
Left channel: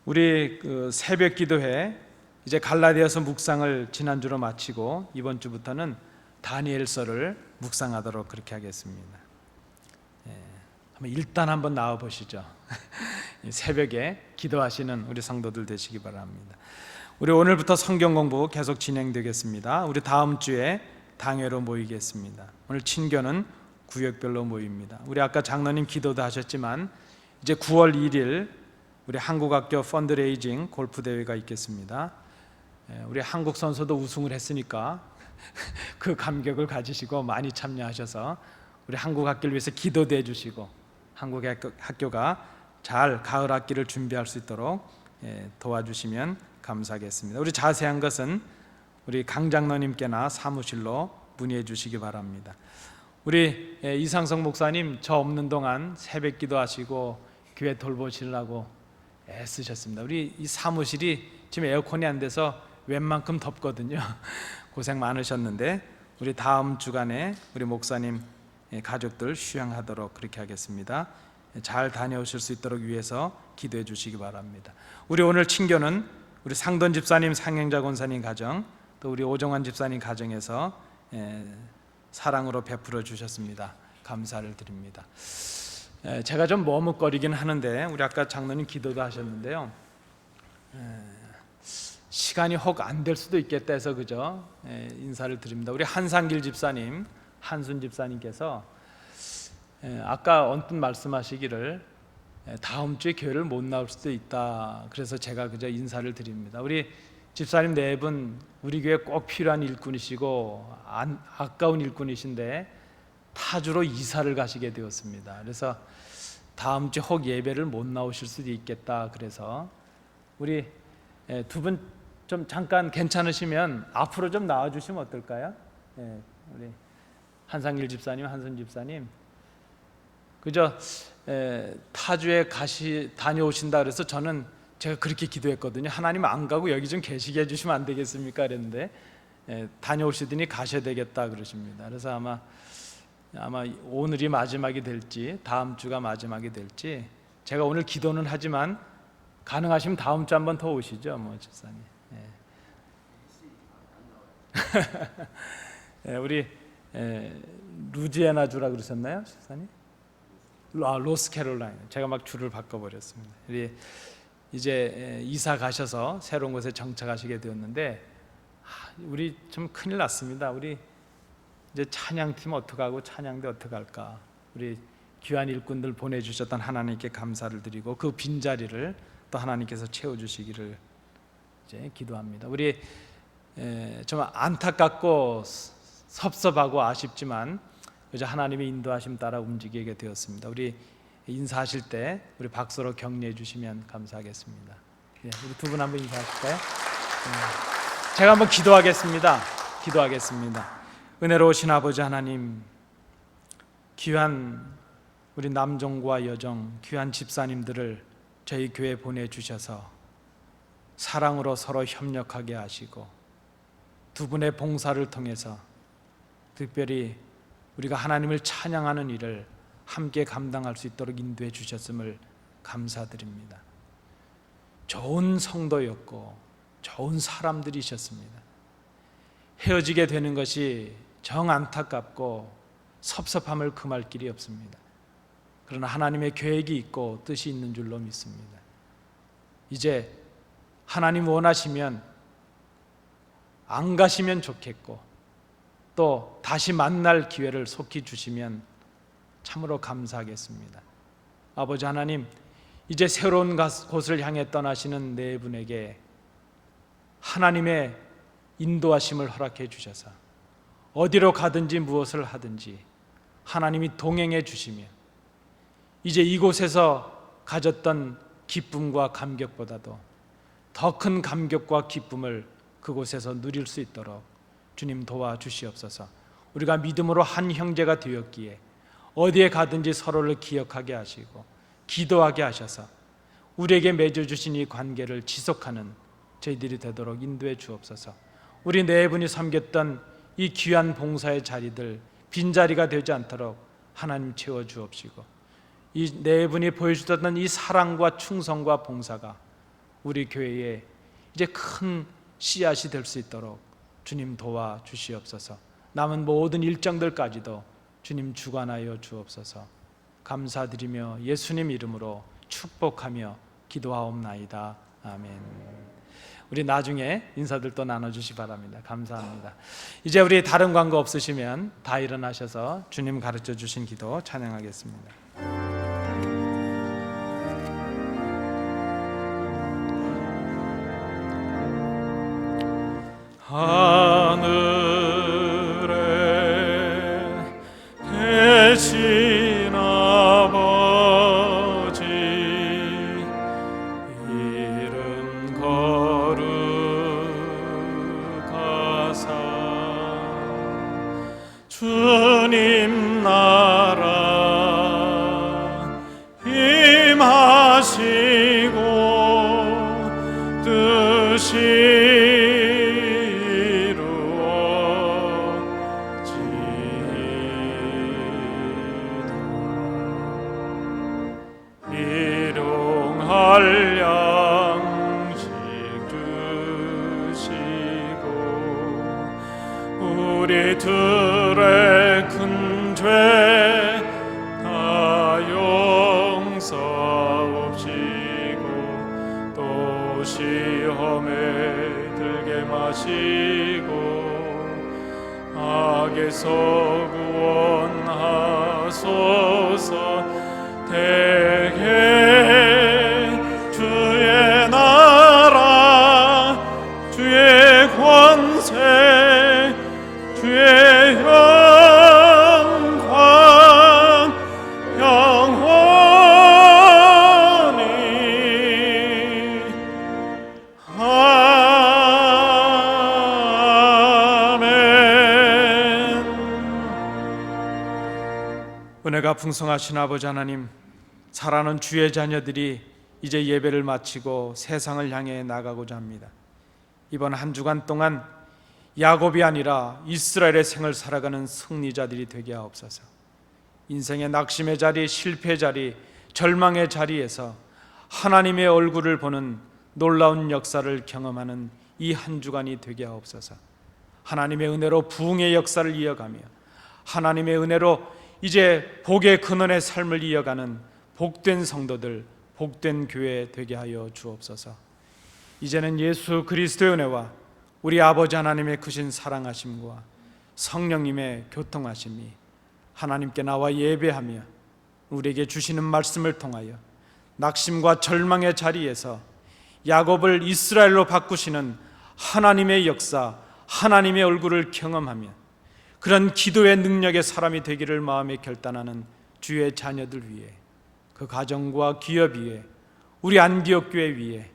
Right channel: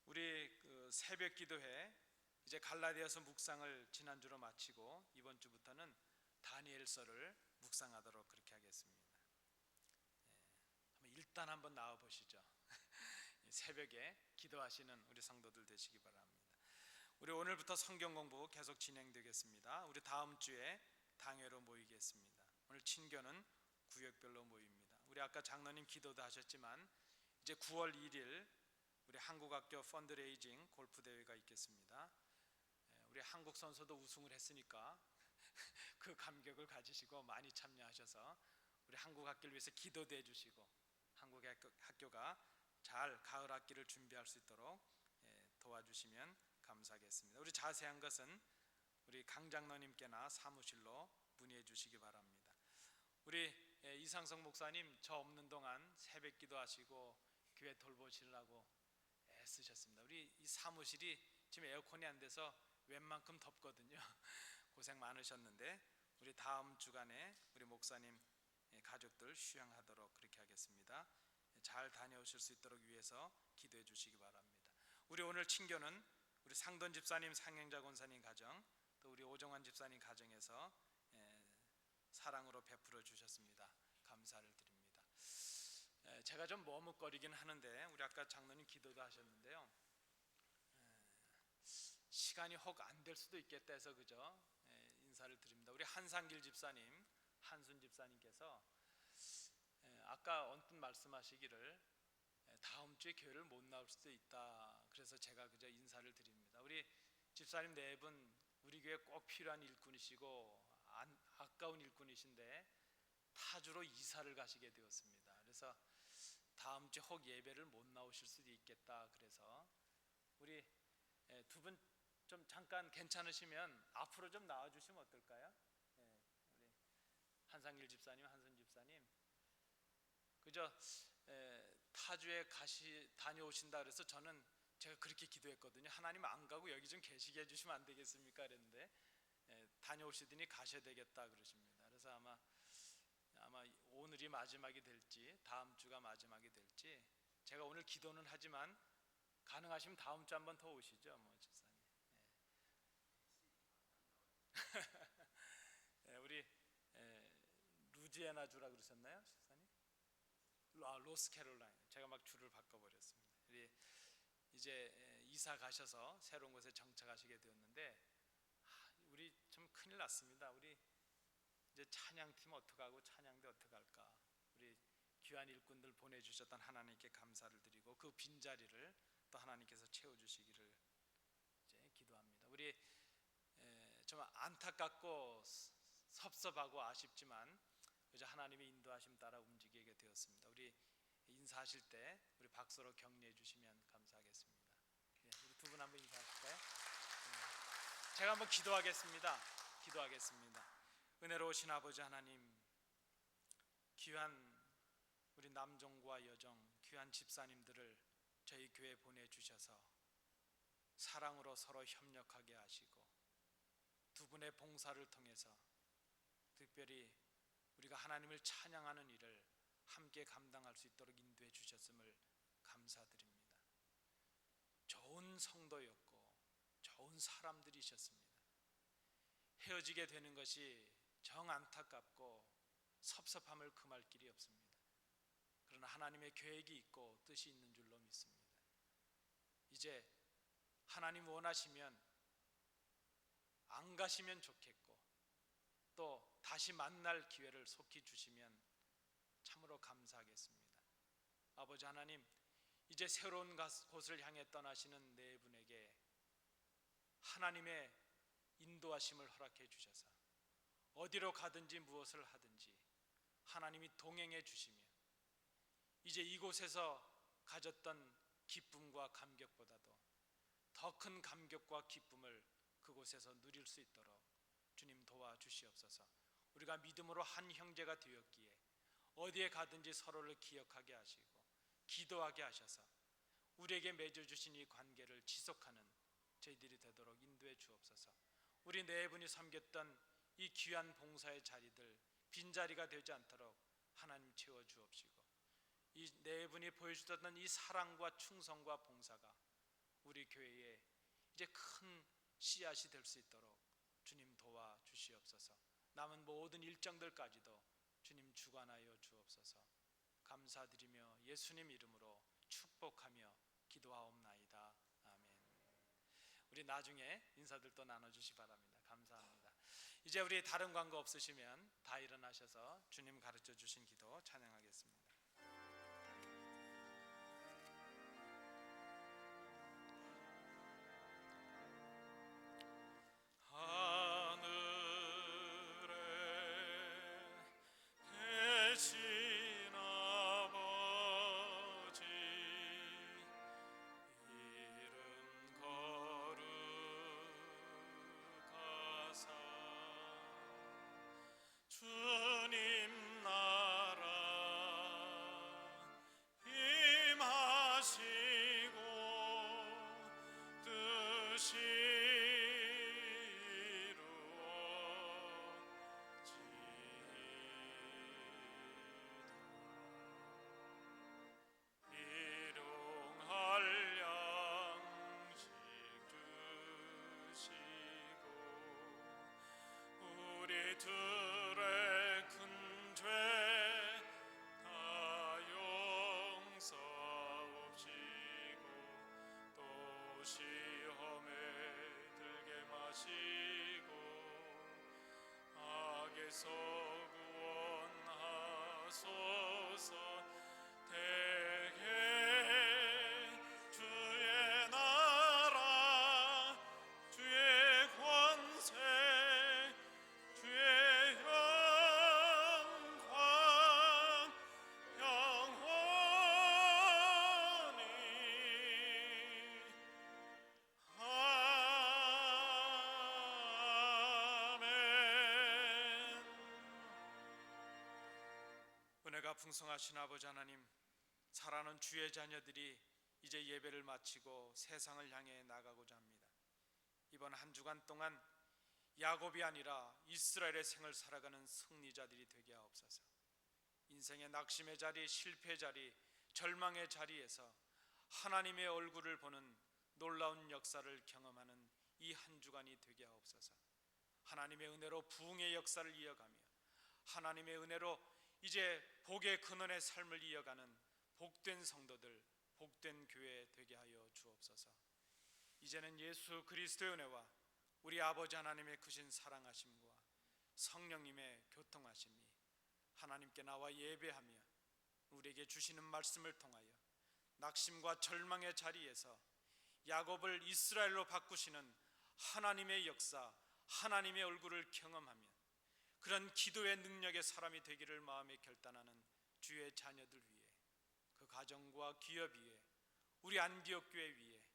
우리 새벽 기도회 이제 갈라디아서 묵상을 지난주로 마치고 이번 주부터는 다니엘서를 묵상하도록 그렇게 하겠습니다. 일단 한번 나와 보시죠. 새벽에 기도하시는 우리 성도들 되시기 바랍니다. 우리 오늘부터 성경 공부 계속 진행되겠습니다. 우리 다음 주에 당회로 모이겠습니다. 오늘 친교는 구역별로 모입니다. 우리 아까 장로님 기도도 하셨지만 이제 9월 1일 우리 한국학교 펀드레이징 골프 대회가 있겠습니다. 우리 한국 선수도 우승을 했으니까 그 감격을 가지시고 많이 참여하셔서 우리 한국 학교를 위해서 기도도 해주시고 한국 학교가 잘 가을 학기를 준비할 수 있도록 도와주시면 감사하겠습니다. 우리 자세한 것은 우리 강 장로님께나 사무실로 문의해 주시기 바랍니다. 우리 이상성 목사님 저 없는 동안 새벽 기도하시고 교회 돌보시려고 애쓰셨습니다. 우리 이 사무실이 지금 에어컨이 안 돼서 웬만큼 덥거든요. 고생 많으셨는데 우리 다음 주간에 우리 목사님 가족들 휴양하도록 그렇게 하겠습니다. 잘 다녀오실 수 있도록 위해서 기도해 주시기 바랍니다. 우리 오늘 친교는 우리 상돈 집사님, 상행자 권사님 가정, 또 우리 오정환 집사님 가정에서 사랑으로 베풀어 주셨습니다. 감사를 드립니다. 제가 좀 머뭇거리긴 하는데 우리 아까 장로님 기도도 하셨는데요. 시간이 혹 안 될 수도 있겠다 해서 그죠? 인사를 드립니다. 우리 한상길 집사님, 한순 집사님께서 아까 언뜻 말씀하시기를 다음 주에 교회를 못 나올 수도 있다. 그래서 제가 그저 인사를 드립니다. 우리 집사님 네 분 우리 교회 꼭 필요한 일꾼이시고 아까운 일꾼이신데 타주로 이사를 가시게 되었습니다. 그래서 다음 주 혹 예배를 못 나오실 수도 있겠다. 그래서 우리 두 분 좀 잠깐 괜찮으시면 앞으로 좀 나와 주시면 어떨까요? 우리 한상길 집사님, 한순 집사님 그저 타주에 다녀오신다 그래서 저는 제가 그렇게 기도했거든요. 하나님 안 가고 여기 좀 계시게 해주시면 안 되겠습니까? 그랬는데 다녀오시더니 가셔야 되겠다 그러십니다. 그래서 아마 오늘이 마지막이 될지 다음 주가 마지막이 될지 제가 오늘 기도는 하지만 가능하시면 다음 주 한번 더 오시죠, 뭐 집사님. 우리 루지애나주라 그러셨나요, 집사님? 로스캐롤라이나. 제가 막 줄을 바꿔버렸습니다. 우리 이제 이사 가셔서 새로운 곳에 정착하시게 되었는데 우리 좀 큰일 났습니다. 우리 이제 찬양팀 어떡하고 찬양대 어떡할까? 우리 귀한 일꾼들 보내주셨던 하나님께 감사를 드리고 그 빈자리를 또 하나님께서 채워주시기를 이제 기도합니다. 우리 좀 안타깝고 섭섭하고 아쉽지만 이제 하나님의 인도하심 따라 움직이게 되었습니다. 우리 인사하실 때 우리 박수로 격려해 주시면 감사하겠습니다. 우리 두 분 한번 인사하실까요? 제가 한번 기도하겠습니다. 은혜로우신 아버지 하나님, 귀한 우리 남정과 여정, 귀한 집사님들을 저희 교회에 보내주셔서 사랑으로 서로 협력하게 하시고 두 분의 봉사를 통해서 특별히 우리가 하나님을 찬양하는 일을 함께 감당할 수 있도록 인도해 주셨음을 감사드립니다. 좋은 성도였고 좋은 사람들이셨습니다. 헤어지게 되는 것이 정 안타깝고 섭섭함을 금할 길이 없습니다. 그러나 하나님의 계획이 있고 뜻이 있는 줄로 믿습니다. 이제 하나님 원하시면 안 가시면 좋겠고 또 다시 만날 기회를 속히 주시면 참으로 감사하겠습니다. 아버지 하나님, 이제 새로운 곳을 향해 떠나시는 네 분에게 하나님의 인도하심을 허락해 주셔서 어디로 가든지 무엇을 하든지 하나님이 동행해 주시며 이제 이곳에서 가졌던 기쁨과 감격보다도 더 큰 감격과 기쁨을 그곳에서 누릴 수 있도록 주님 도와주시옵소서. 우리가 믿음으로 한 형제가 되었기에 어디에 가든지 서로를 기억하게 하시고 기도하게 하셔서 우리에게 맺어주신 이 관계를 지속하는 저희들이 되도록 인도해 주옵소서. 우리 네 분이 섬겼던 이 귀한 봉사의 자리들 빈자리가 되지 않도록 하나님 채워 주옵시고 이 네 분이 보여주셨던 이 사랑과 충성과 봉사가 우리 교회에 이제 큰 씨앗이 될 수 있도록 주님 도와주시옵소서. 남은 모든 일정들까지도 주님 주관하여 주옵소서. 감사드리며 예수님 이름으로 축복하며 기도하옵나이다. 아멘. 우리 나중에 인사들 또 나눠주시 바랍니다. 감사합니다. 이제 우리 다른 광고 없으시면 다 일어나셔서 주님 가르쳐 주신 기도 찬양하겠습니다. 하늘에 계신 아버지 이름 거룩하사 주님 나라 임하시고 뜻이 양식 주시고 우리들의 큰 죄 다 용서옵시고 또 시험에 들게 마시고 악에서 구원하소서. 대개 주의 나라 주의 권세 주의 영광 영원히 아멘. 은혜가 풍성하신 아버지 하나님, 사랑하는 주의 자녀들이 이제 예배를 마치고 세상을 향해 나가고자 합니다. 이번 한 주간 동안 야곱이 아니라 이스라엘의 생을 살아가는 승리자들이 되게 하옵소서. 인생의 낙심의 자리, 실패의 자리, 절망의 자리에서 하나님의 얼굴을 보는 놀라운 역사를 경험하는 이 한 주간이 되게 하옵소서. 하나님의 은혜로 부흥의 역사를 이어가며 하나님의 은혜로 이제 복의 근원의 삶을 이어가는 복된 성도들, 복된 교회 되게 하여 주옵소서. 이제는 예수 그리스도의 은혜와 우리 아버지 하나님의 크신 사랑하심과 성령님의 교통하심이 하나님께 나와 예배하며 우리에게 주시는 말씀을 통하여 낙심과 절망의 자리에서 야곱을 이스라엘로 바꾸시는 하나님의 역사, 하나님의 얼굴을 경험하며 그런 기도의 능력의 사람이 되기를 마음에 결단하는 주의 자녀들 위해, 그 가정과 기업 위에, 우리 안디옥 교회 위에,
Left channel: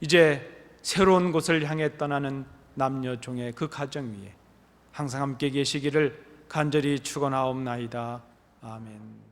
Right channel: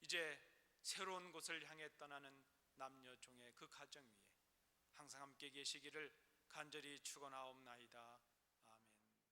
이제 새로운 곳을 향해 떠나는 남녀 종의 그 가정 위에 항상 함께 계시기를 간절히 축원하옵나이다. 아멘.